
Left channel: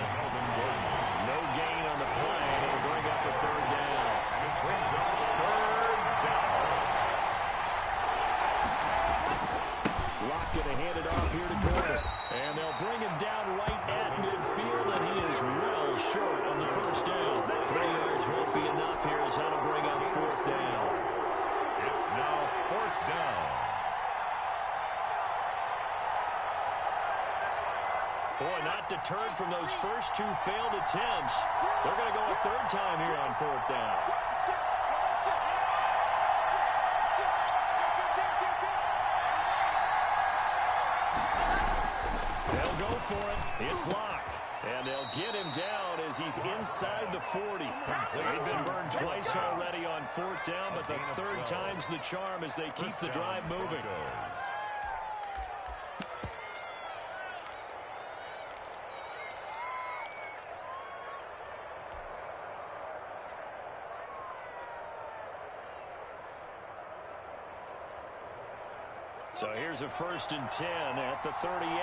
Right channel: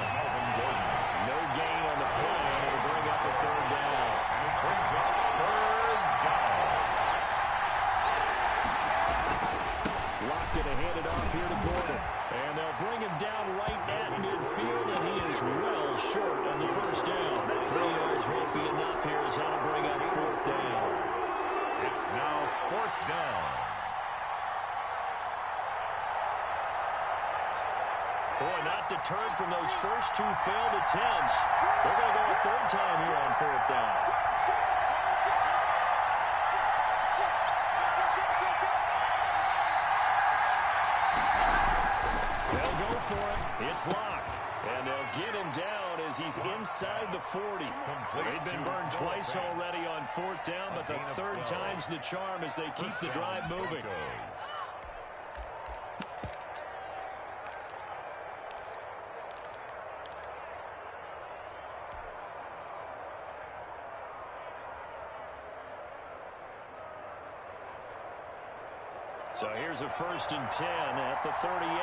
No gain on the play, and it'll bring up a 3rd down. And it brings up 3rd down. Lock going to hand it off here to Gordon. And they'll bring him down right at midfield, and he is well short of the 1st down. 3 yards won't be enough here as that'll bring up 4th down. It's now 4th down. Boy, not deterred from those first 2 failed attempts. They're going to go a 3rd time here on 4th down. They'll go for it. It's Locke. And they'll get him down as he's inside the 40. They've been burned twice already on 4th down, but the 3rd time's the charm as they keep the drive moving. So here's a 1st and 10 at the 38.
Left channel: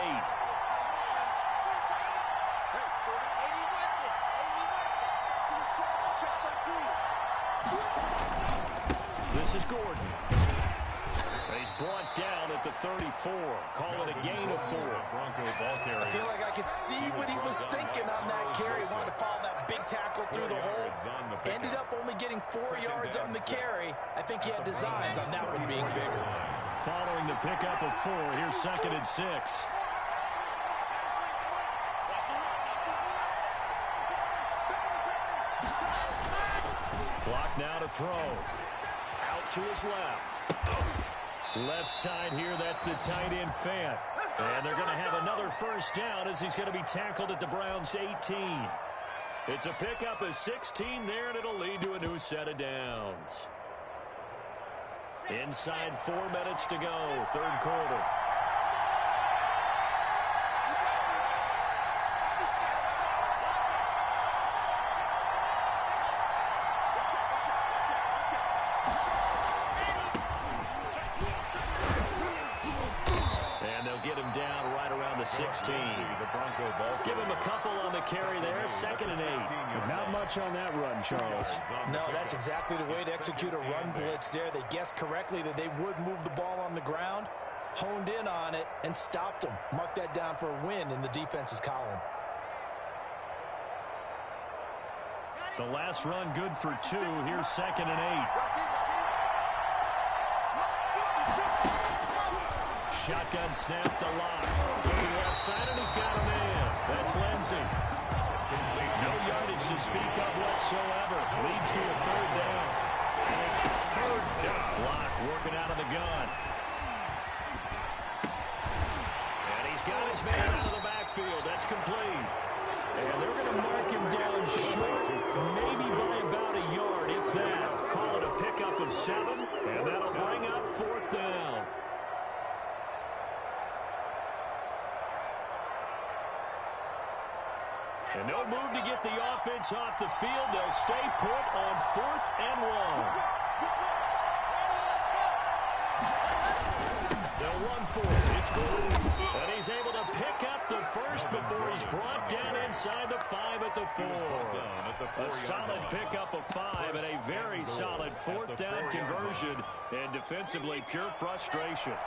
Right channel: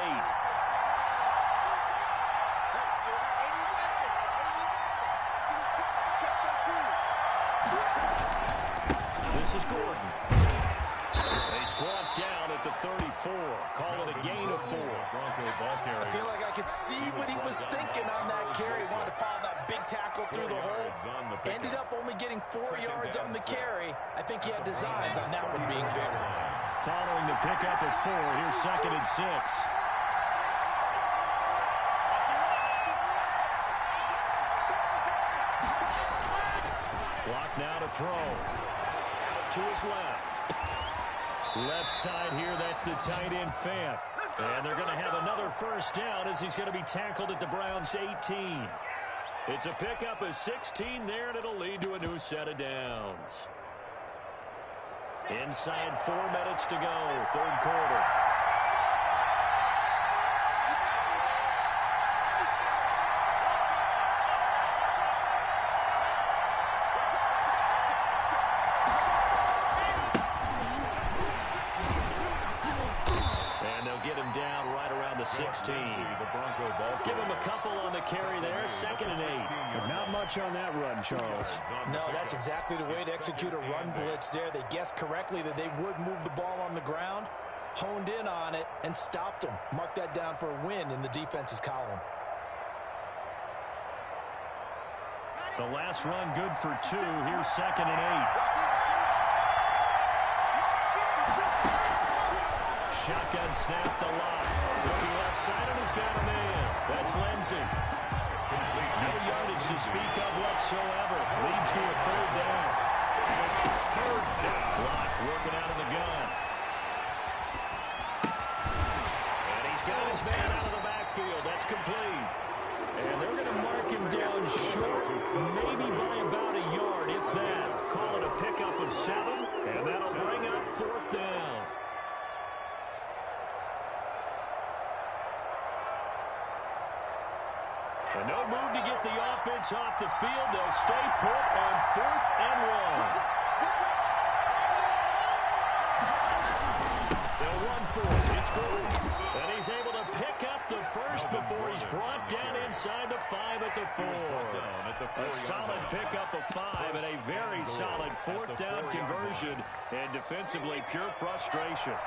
This is Gordon. He's brought down at the 34. Call it a gain of 4. I feel like I could see what he was thinking on that carry. He wanted to follow that big tackle through the hole. Ended up only getting 4 yards on the carry. I think he had designs on that one being bigger. Following the pickup of 4, here's 2nd and 6. Block now to throw. Out to his left. Left side here, that's the tight end Fant. And they're going to have another 1st down as he's going to be tackled at the Browns' 18. It's a pickup of 16 there, and it'll lead to a new set of downs. Inside 4 minutes to go, 3rd quarter. And they'll get him down right around the 16. Give him a couple on the carry there, 2nd and 8. Not much on that run, Charles. No, that's exactly the way to execute a run blitz there. They guessed correctly that they would move the ball on the ground, honed in on it, and stopped them. Mark that down for a win in the defense's column. The last run good for 2. Here's 2nd and 8. Shotgun snap to Locke. Looking left side, and he's got a man. That's Lindsey. No yardage to speak of whatsoever. Leads to a 3rd down. And it's 3rd down. Locke working out of the gun. And he's got his man out of the backfield. That's complete. And they're going to mark him down short, maybe by about a yard, if that. Call it a pickup of 7, and that'll bring up 4th down. And no move to get the offense off the field. They'll stay put on 4th and 1. They'll run for it. It's Gordon. And he's able to pick up the 1st before he's brought down inside the 5 at the 4. A solid pickup of 5 and a very solid 4th down conversion. And defensively, pure frustration.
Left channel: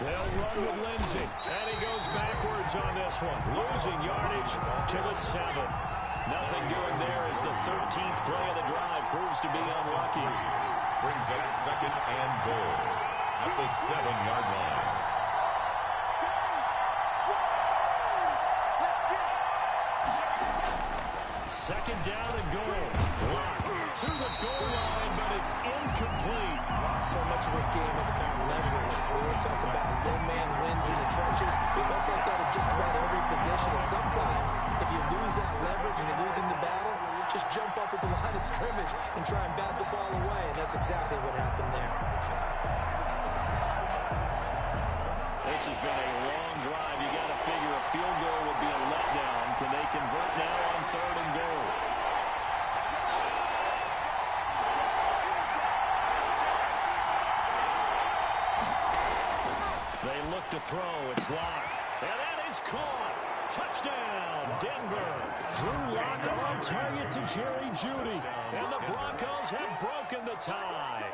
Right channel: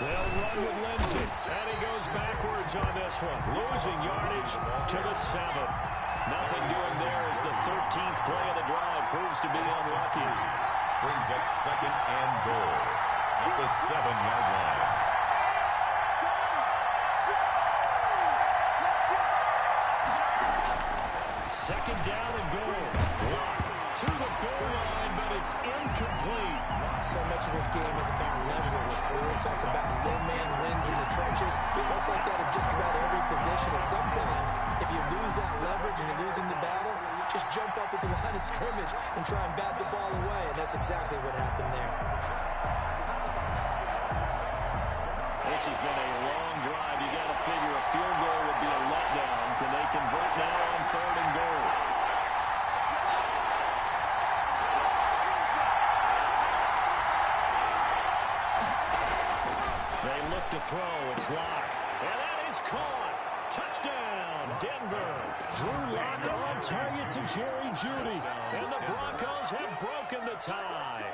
They'll run with Lindsey, and he goes backwards on this one, losing yardage to the 7. Nothing doing there as the 13th play of the drive proves to be unlucky. Brings up 2nd and goal at the 7-yard line. Second down and goal. Lock to the goal line, but it's incomplete. So much of this game is about leverage. We always talk about low man wins in the trenches. That's like that in just about every position. And sometimes, if you lose that leverage and you're losing the battle, just jump up at the line of scrimmage and try and bat the ball away. And that's exactly what happened there. This has been a long drive. You got to figure a field goal would be a letdown. Can they convert now on 3rd and goal? They look to throw. It's Lock. And that is caught. Touchdown, Denver. Drew Lock on target to Jerry Jeudy. And the Broncos have broken the tie.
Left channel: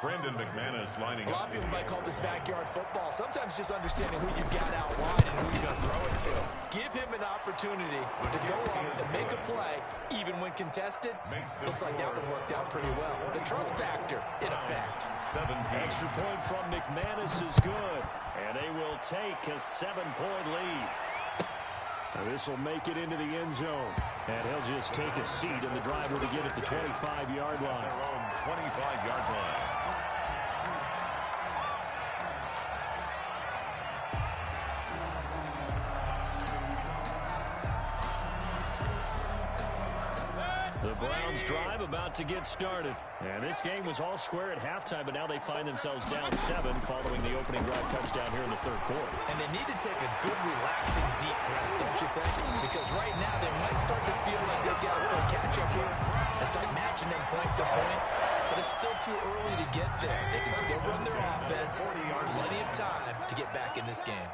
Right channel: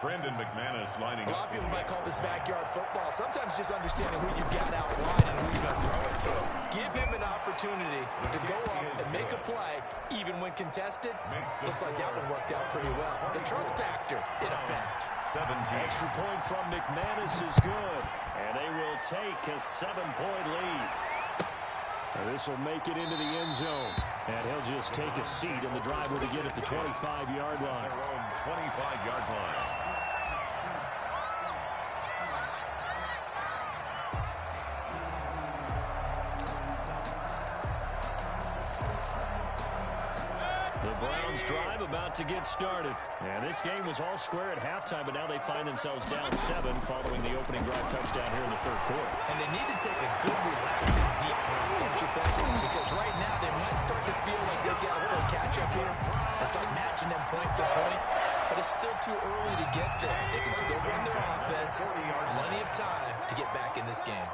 Brandon McManus lining up. A lot of people might call this backyard football. Sometimes just understanding who you've got out wide and who you're going to throw it to. Give him an opportunity to go up and make a play, even when contested. Looks like that one worked out pretty well. The trust factor in effect. 17. Extra point from McManus is good. And they will take a 7-point lead. This will make it into the end zone. And he'll just take a seat in the driver to get at the 25-yard line. Their own 25-yard line. The Browns drive about to get started. And this game was all square at halftime, but now they find themselves down 7 following the opening drive touchdown here in the 3rd quarter. And they need to take a good, relaxing, deep breath, don't you think? Because right now they might start to feel like they've got to play catch-up here and start matching them point for point. But it's still too early to get there. They can still run their offense. Plenty of time to get back in this game.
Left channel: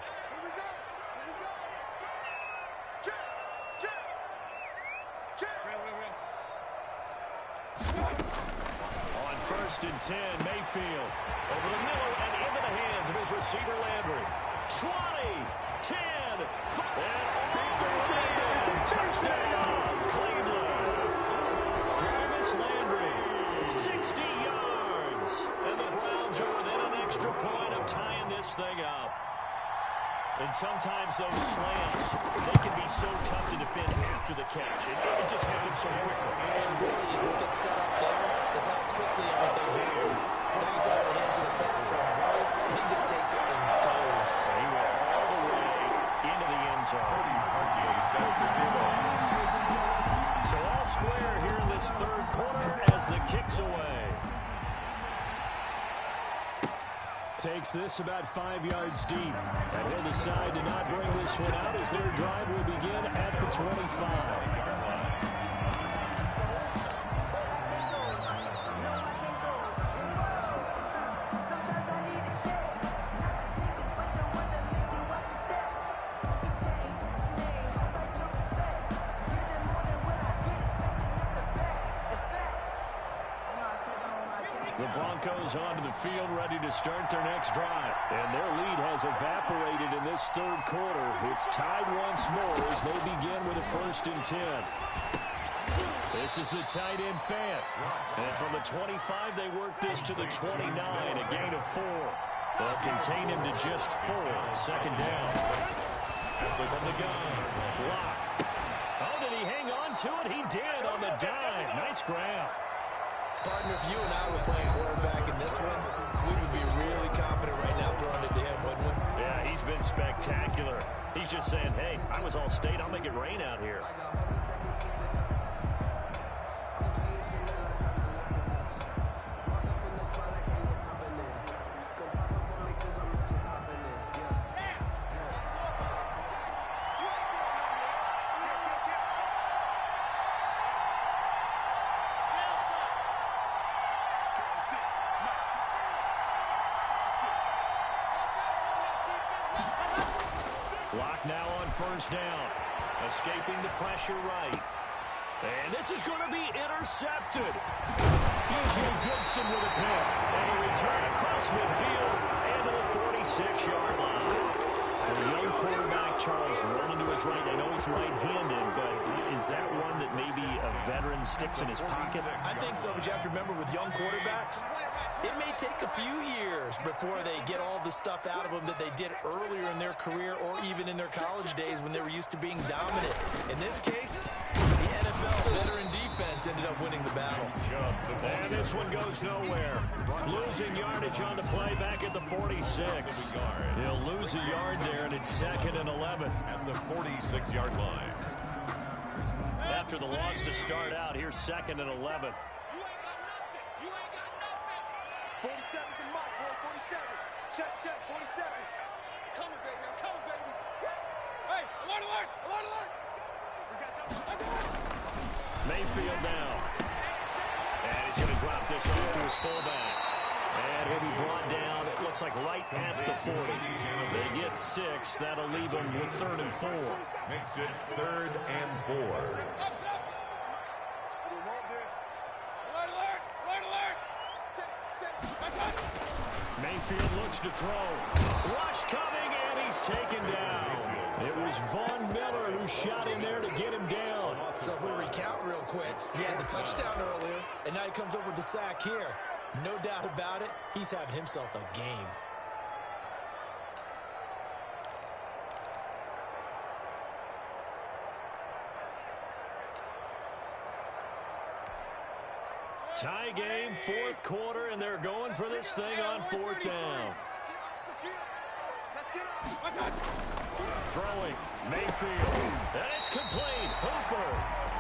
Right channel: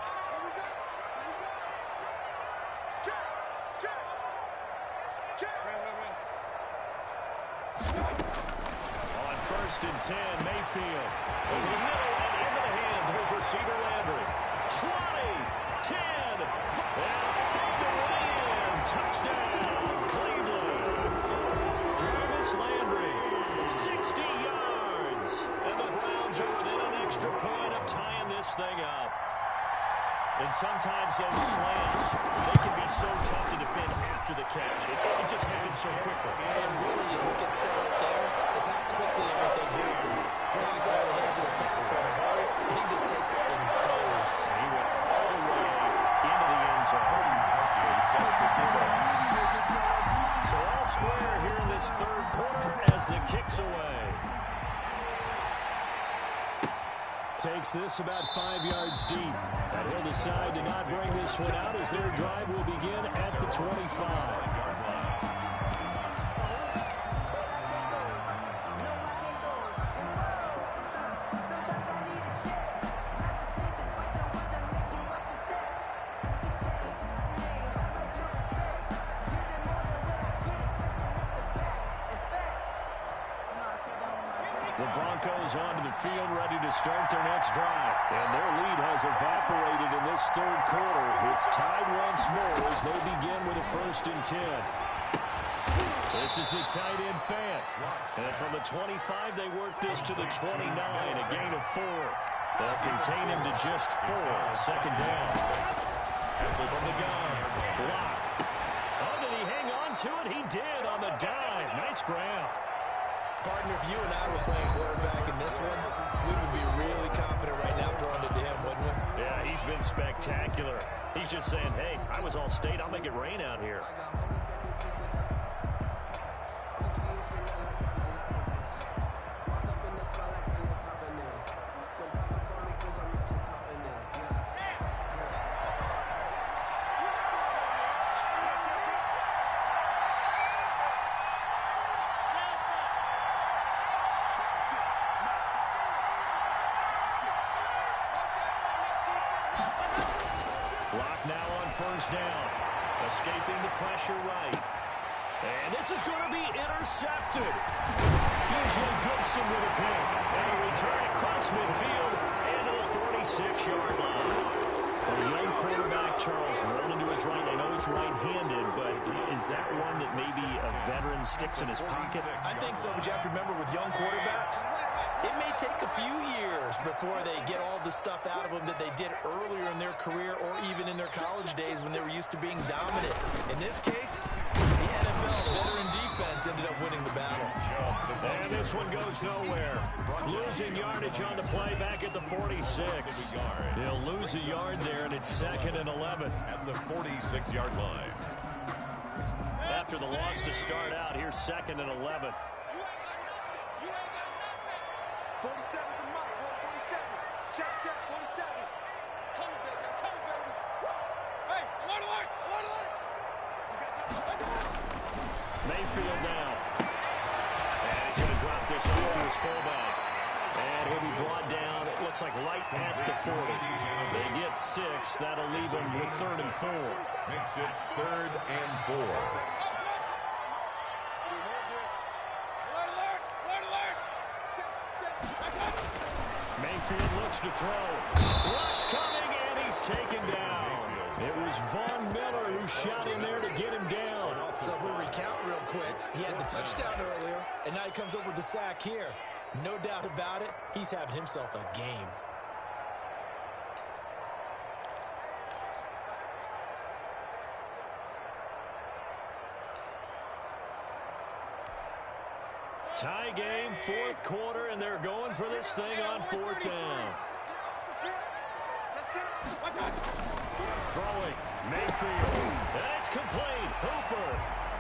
On 1st and 10, Mayfield over the middle and into the hands of his receiver Landry. 20, 10, and off the way in. Touchdown, Cleveland. Jarvis Landry, 60 yards. And the Browns are within an extra point of tying this thing up. And sometimes those slants, they can be so tough to defend after the catch. It just happens so quickly. And really, what gets set up there is how quickly everything happens. Ball's out of the hands of the passer in a hurry. He just takes it and goes. And he went all the way into the end zone. So all square here in this 3rd quarter as the kick's away. Takes this about 5 yards deep. And he'll decide to not bring this one out as their drive will begin at the 25-yard line. The Broncos onto the field, ready to start their next drive. And their lead has evaporated in this 3rd quarter. It's tied once more as they begin with a 1st and 10. This is the tight end Fant. And from the 25, they work this to the 29, a gain of 4. They'll contain him to just 4. 2nd down. From the gun, Lock. Oh, did he hang on to it? He did on the dive. Nice grab. Partner, if you and I were playing quarterback in this one, we would be really confident right now throwing it to him, wouldn't we? Yeah, he's been spectacular. He's just saying, hey, I was all state. I'll make it rain out here. Lock now on 1st down. Escaping the pressure right. And this is going to be intercepted. B.J. Goodson with a pick. And a return across midfield and to the 46-yard line. The young quarterback, Charles, rolling to his right. I know he's right-handed, but is that one that maybe a veteran sticks in his pocket? I think so, but you have to remember with young quarterbacks, it may take a few years before they get all the stuff out of them that they did earlier in their career or even in their college days when they were used to being dominant. In this case, the NFL veteran defense ended up winning the battle. And this one goes nowhere. Losing yardage on the play back at the 46. He'll lose a yard there, and it's 2nd and 11. At the 46-yard line. After the loss to start out, here's 2nd and 11. You ain't got nothing. You ain't got nothing. 47's the mic, boy. 47. Check, check. 47. Coming, baby. I'm coming, baby. Hey, alert, alert. Alert, alert. We got Mayfield now. And he's going to drop this off to his fullback. And he'll be brought down, it looks like right at the 40. They get 6. That'll leave them with 3rd and 4. Makes it 3rd and 4. Mayfield looks to throw. Rush coming, and he's taken down. It was Von Miller who shot in there to get him down. So if we recount real quick, he had the touchdown earlier, and now he comes up with the sack here. No doubt about it, he's having himself a game. Tie game, 4th quarter, and they're going for this thing on 4th down. Throwing, Mayfield, and it's complete. Hooper,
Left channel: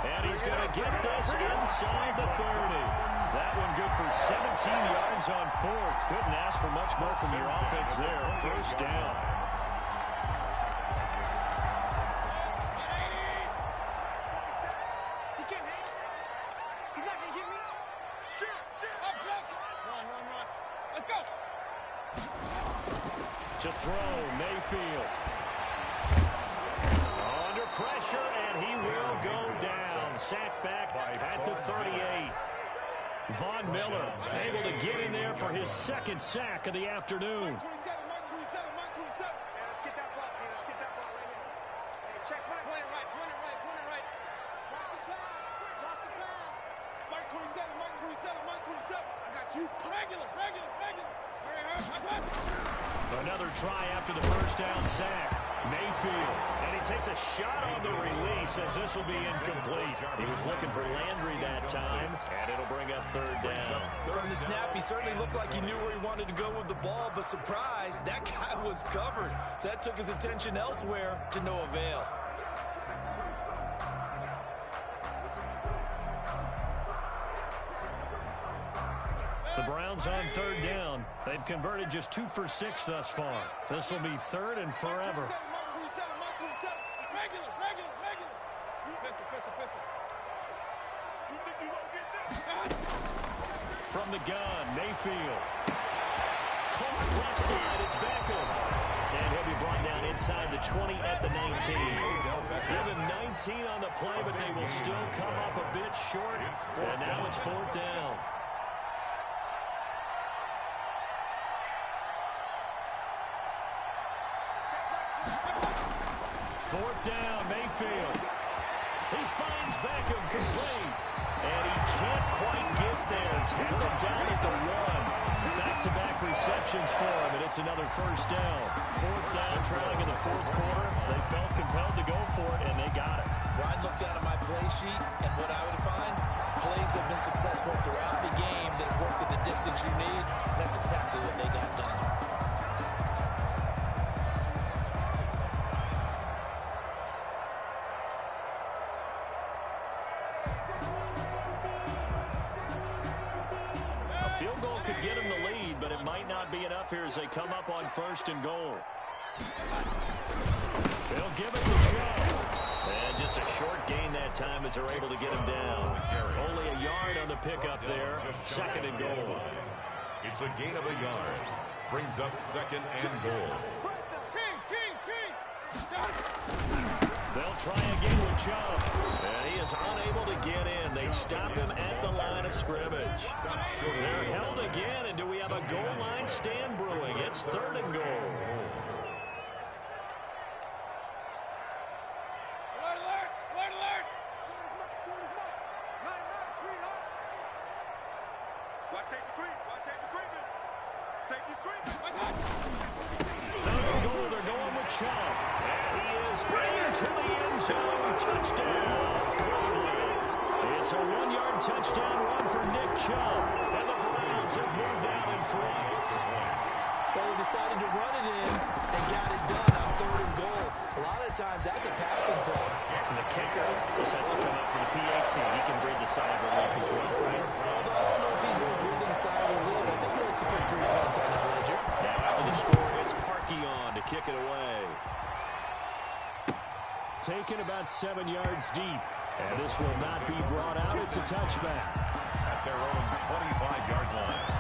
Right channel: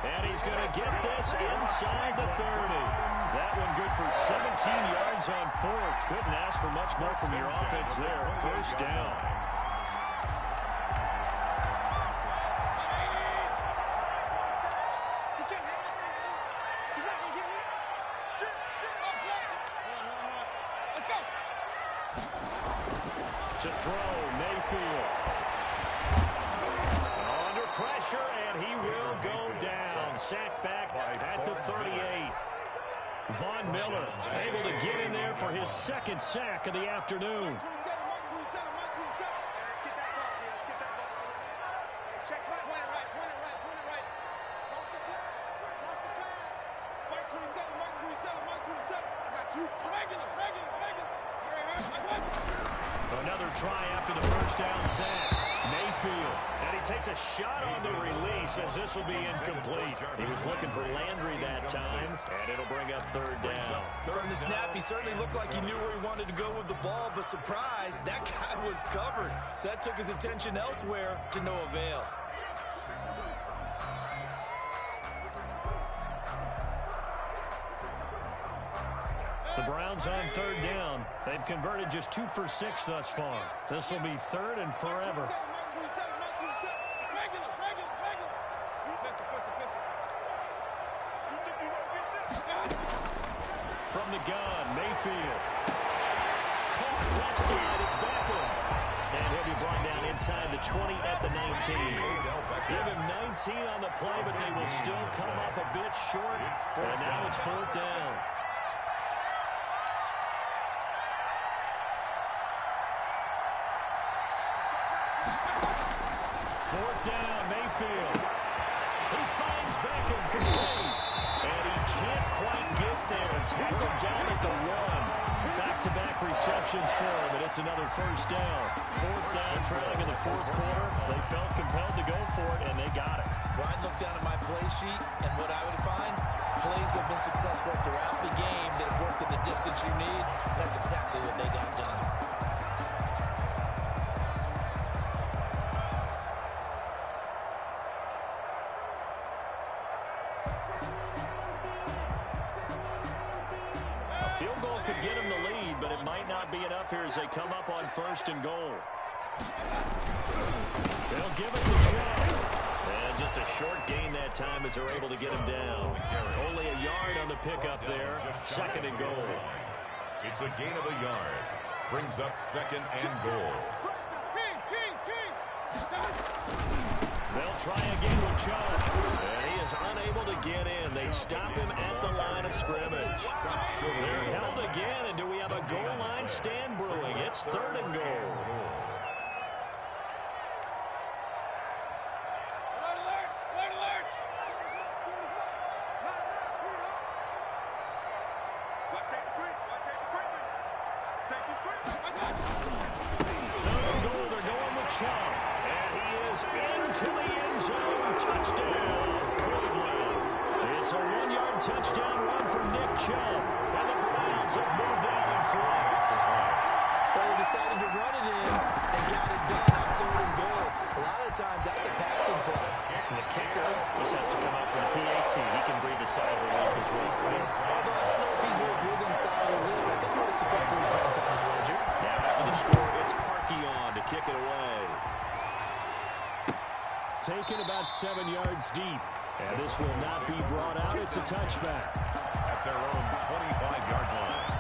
and he's going to get this inside the 30. That one good for 17 yards on 4th. Couldn't ask for much more from your offense there. 1st down. To throw, Mayfield. Under pressure, and he will go down. Sacked back at the 38. Von Miller able to get in there for his 2nd sack of the afternoon. Another try after the 1st down sack. Mayfield, and he takes a shot on the release as this will be incomplete. He was looking for Landry that time, and it'll bring up 3rd down. From the snap, he certainly looked like he knew where he wanted to go with the ball, but surprise, that guy was covered. So that took his attention elsewhere to no avail. The Browns on 3rd down. They've converted just 2 for 6 thus far. This will be 3rd and forever. From the gun, Mayfield. Caught left side, it's Beckham. And he'll be brought down inside the 20 at the 19. Give him 19 on the play, but they will still come up a bit short. And now it's 4th down. 4th down, Mayfield. He finds Beckham complete. And he can't quite get there. Tackled down at the 1. Back-to-back receptions for him, and it's another 1st down. 4th down, trailing in the 4th quarter. They felt compelled to go for it, and they got it. Well, I'd look down at my play sheet, and what I would find, plays have been successful throughout the game that have worked at the distance you need. That's exactly what they got done. Field goal could get him the lead, but it might not be enough here as they come up on 1st and goal. They'll give it the shot. And just a short gain that time as they're able to get him down. Only a yard on the pickup there. 2nd and goal. It's a gain of a yard. Brings up 2nd and goal. They'll try again with Chubb. And he is unable to get in. They stop him at the line of scrimmage. They're held again, and do we have a goal line stand brewing? It's 3rd and goal. Watch safety creep. Watch safety creeping. Safety's creeping. Third and goal, they're going with Chubb. And he is into the end zone. Touchdown, Cleveland. It's a 1-yard touchdown run for Nick Chubb. And the Browns have moved out in front. Well, they decided to run it in and got it done on third and goal. A lot of times, that's a passing play. And the kicker just has to come out for the PAT. He can breathe a sigh of relief as well, right? Although I don't know if he's really breathing a sigh of relief. I think he likes to put 3 points on his ledger. Now after the score, it's Parkey on to kick it away. Taken about 7 yards deep. And this will not be brought out. It's a touchback. At their own 25-yard line.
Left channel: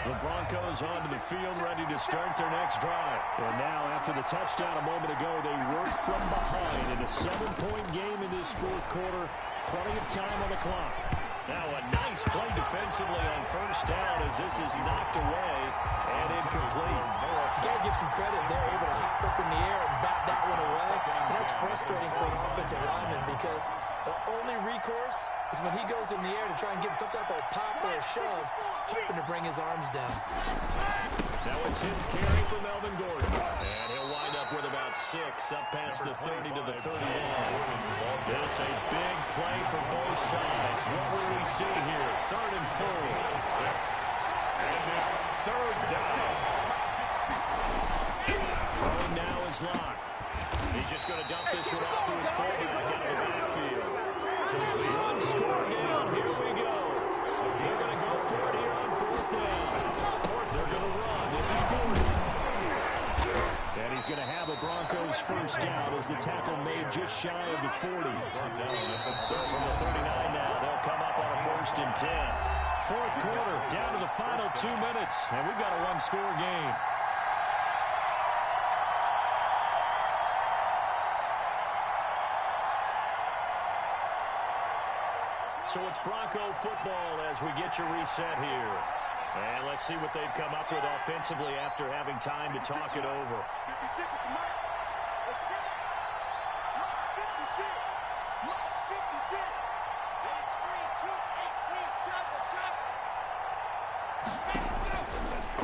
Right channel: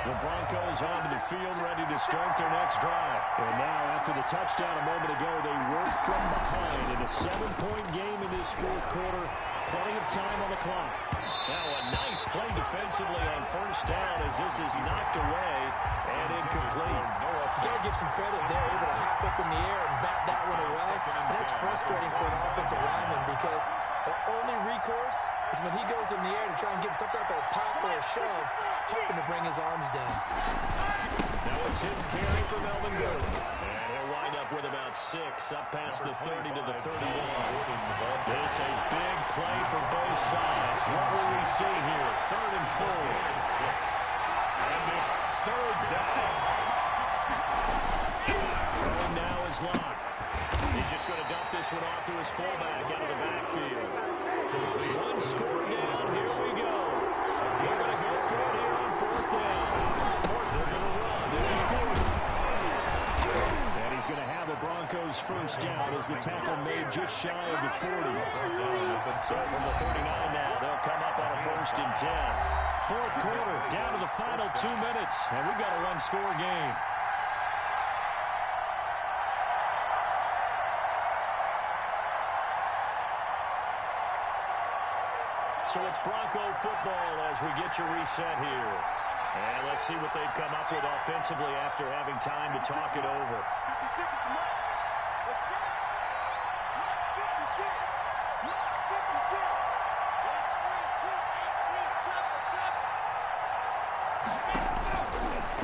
The Broncos onto the field, ready to start their next drive. And now, after the touchdown a moment ago, they work from behind in a 7-point game in this fourth quarter. Plenty of time on the clock. Now a nice play defensively on first down as this is knocked away and incomplete. You got to give some credit there, able to hop up in the air and bat that one away. And that's frustrating for an offensive lineman because the only recourse is when he goes in the air to try and give some type of a pop or a shove, hoping to bring his arms down. Now a 10th carry for Melvin Gordon. And he'll wind up with about 6, up past the 30 to the 31. This a big play for both sides. What will we see here? 3rd and 4. And it's third down. Throwing now is Locke. He's just going to dump this one off to his fullback out of the backfield. 1 score down. Here we go. They're going to go for it here on 4th down. They're going to run. This is Gordon. And he's going to have a Broncos first down as the tackle made just shy of the 40. So from the 39 now, they'll come up on a 1st and 10. Fourth quarter, down to the final 2 minutes, and we've got a 1-score game. So it's Bronco football as we get your reset here. And let's see what they've come up with offensively after having time to talk it over. 56 is the mic. Let's see it. Mark 56. Mark 56. Gauge 3, 2, 18. Chopper, chopper.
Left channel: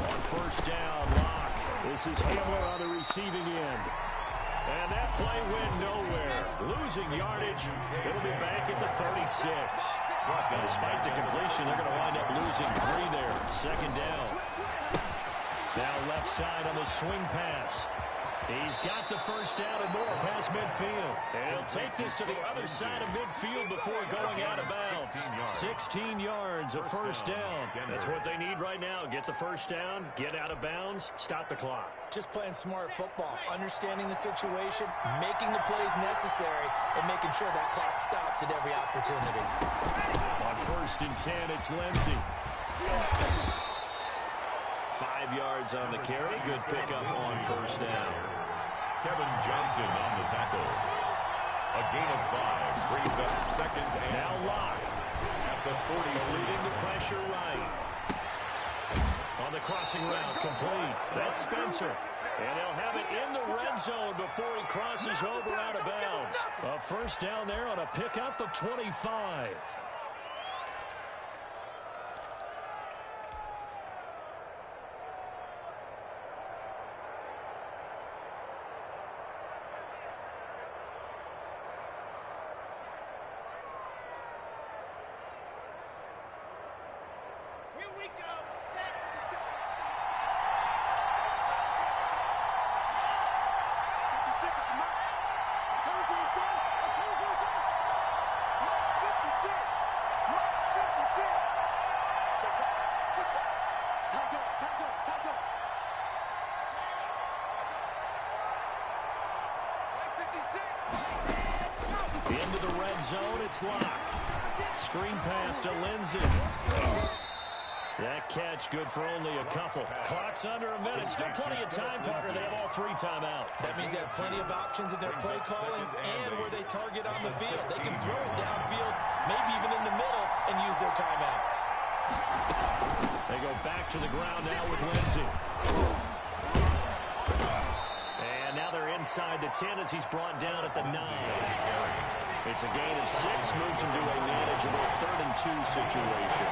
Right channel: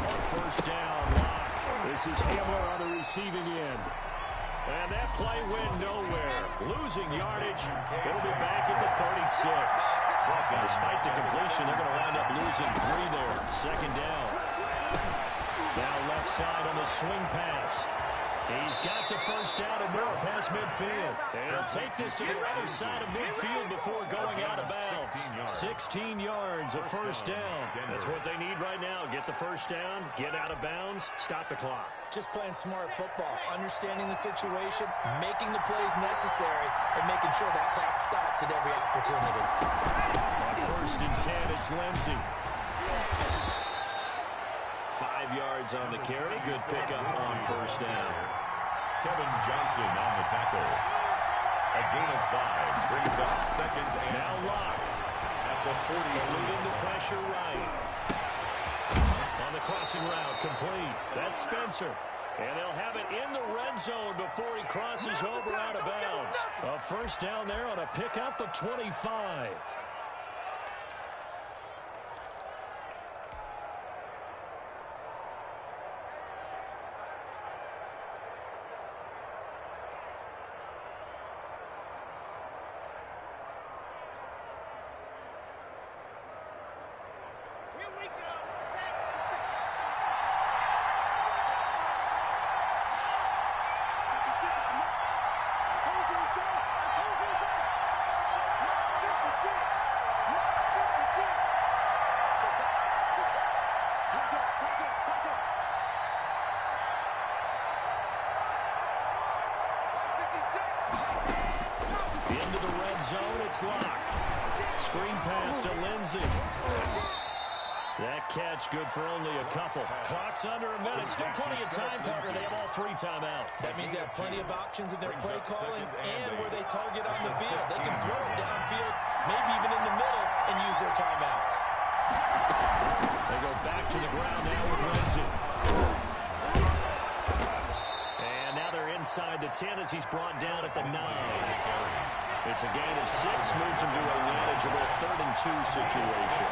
On first down, Locke. This is Hamler on the receiving end. And that play went nowhere. Losing yardage. It'll be back at the 36. And despite the completion, they're going to wind up losing 3 there. 2nd down. Now left side on the swing pass. He's got the first down and more past midfield. And he'll take this to the other side of midfield before going out of bounds. 16 yards, a first down. That's what they need right now. Get the first down, get out of bounds, stop the clock. Just playing smart football, understanding the situation, making the plays necessary, and making sure that clock stops at every opportunity. On 1st and 10, it's Lindsey. 5 yards on the carry. Good pickup on first down. Kevin Johnson on the tackle. A gain of 5 brings up 2nd and now Locke at the 40. leading the pressure right. On the crossing route, complete. That's Spencer. And they'll have it in the red zone before he crosses over out of bounds. A first down there on a pickup of 25. Here we go. Set. 56 is the mic. I'm coming to you, son. I'm coming to you, son. Mark 56. Mark 56. Check back. Check back. Tight up. Tight up. Tight up. White 56. Into the red zone, it's Locke. Screen pass to Lindsey. That catch good for only a couple. Clock's under a minute. Still plenty of time, partner. They have all 3 timeouts. That means they have plenty of options in their play calling and where they target on the field. They can throw it downfield, maybe even in the middle, and use their timeouts. They go back to the ground now with Lindsey. And now they're inside the 10 as he's brought down at the 9. It's a gain of 6, moves him to a manageable 3rd and 2 situation.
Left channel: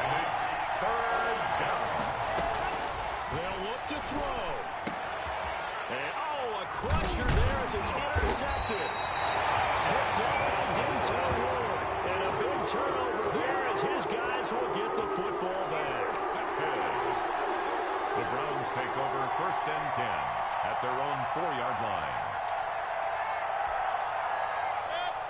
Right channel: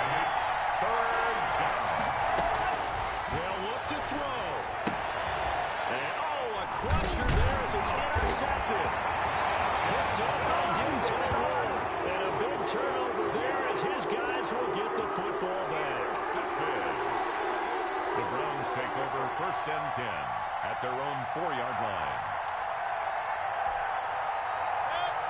And it's 3rd down. They'll look to throw. And, a crusher there as it's intercepted. Picked up by Denzel Ward. And a big turnover there as his guys will get the football back. The Browns take over 1st and 10 at their own 4-yard line.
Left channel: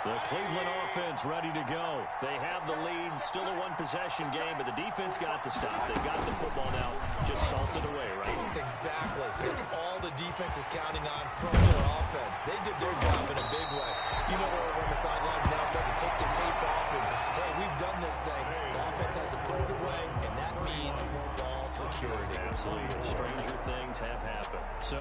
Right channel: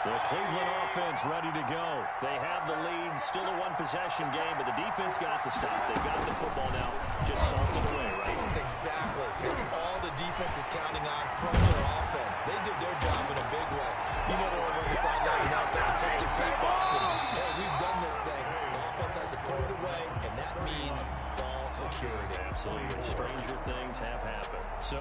The Cleveland offense ready to go. They have the lead. Still a one-possession game, but the defense got the stop. They got the football now. Just salted away, right? Exactly. It's all the defense is counting on from their offense. They did their job in a big way. You know they're over on the sidelines now starting to take their tape off and, hey, we've done this thing. The offense has to put it away, and that means ball security. Absolutely. Stranger things have happened. So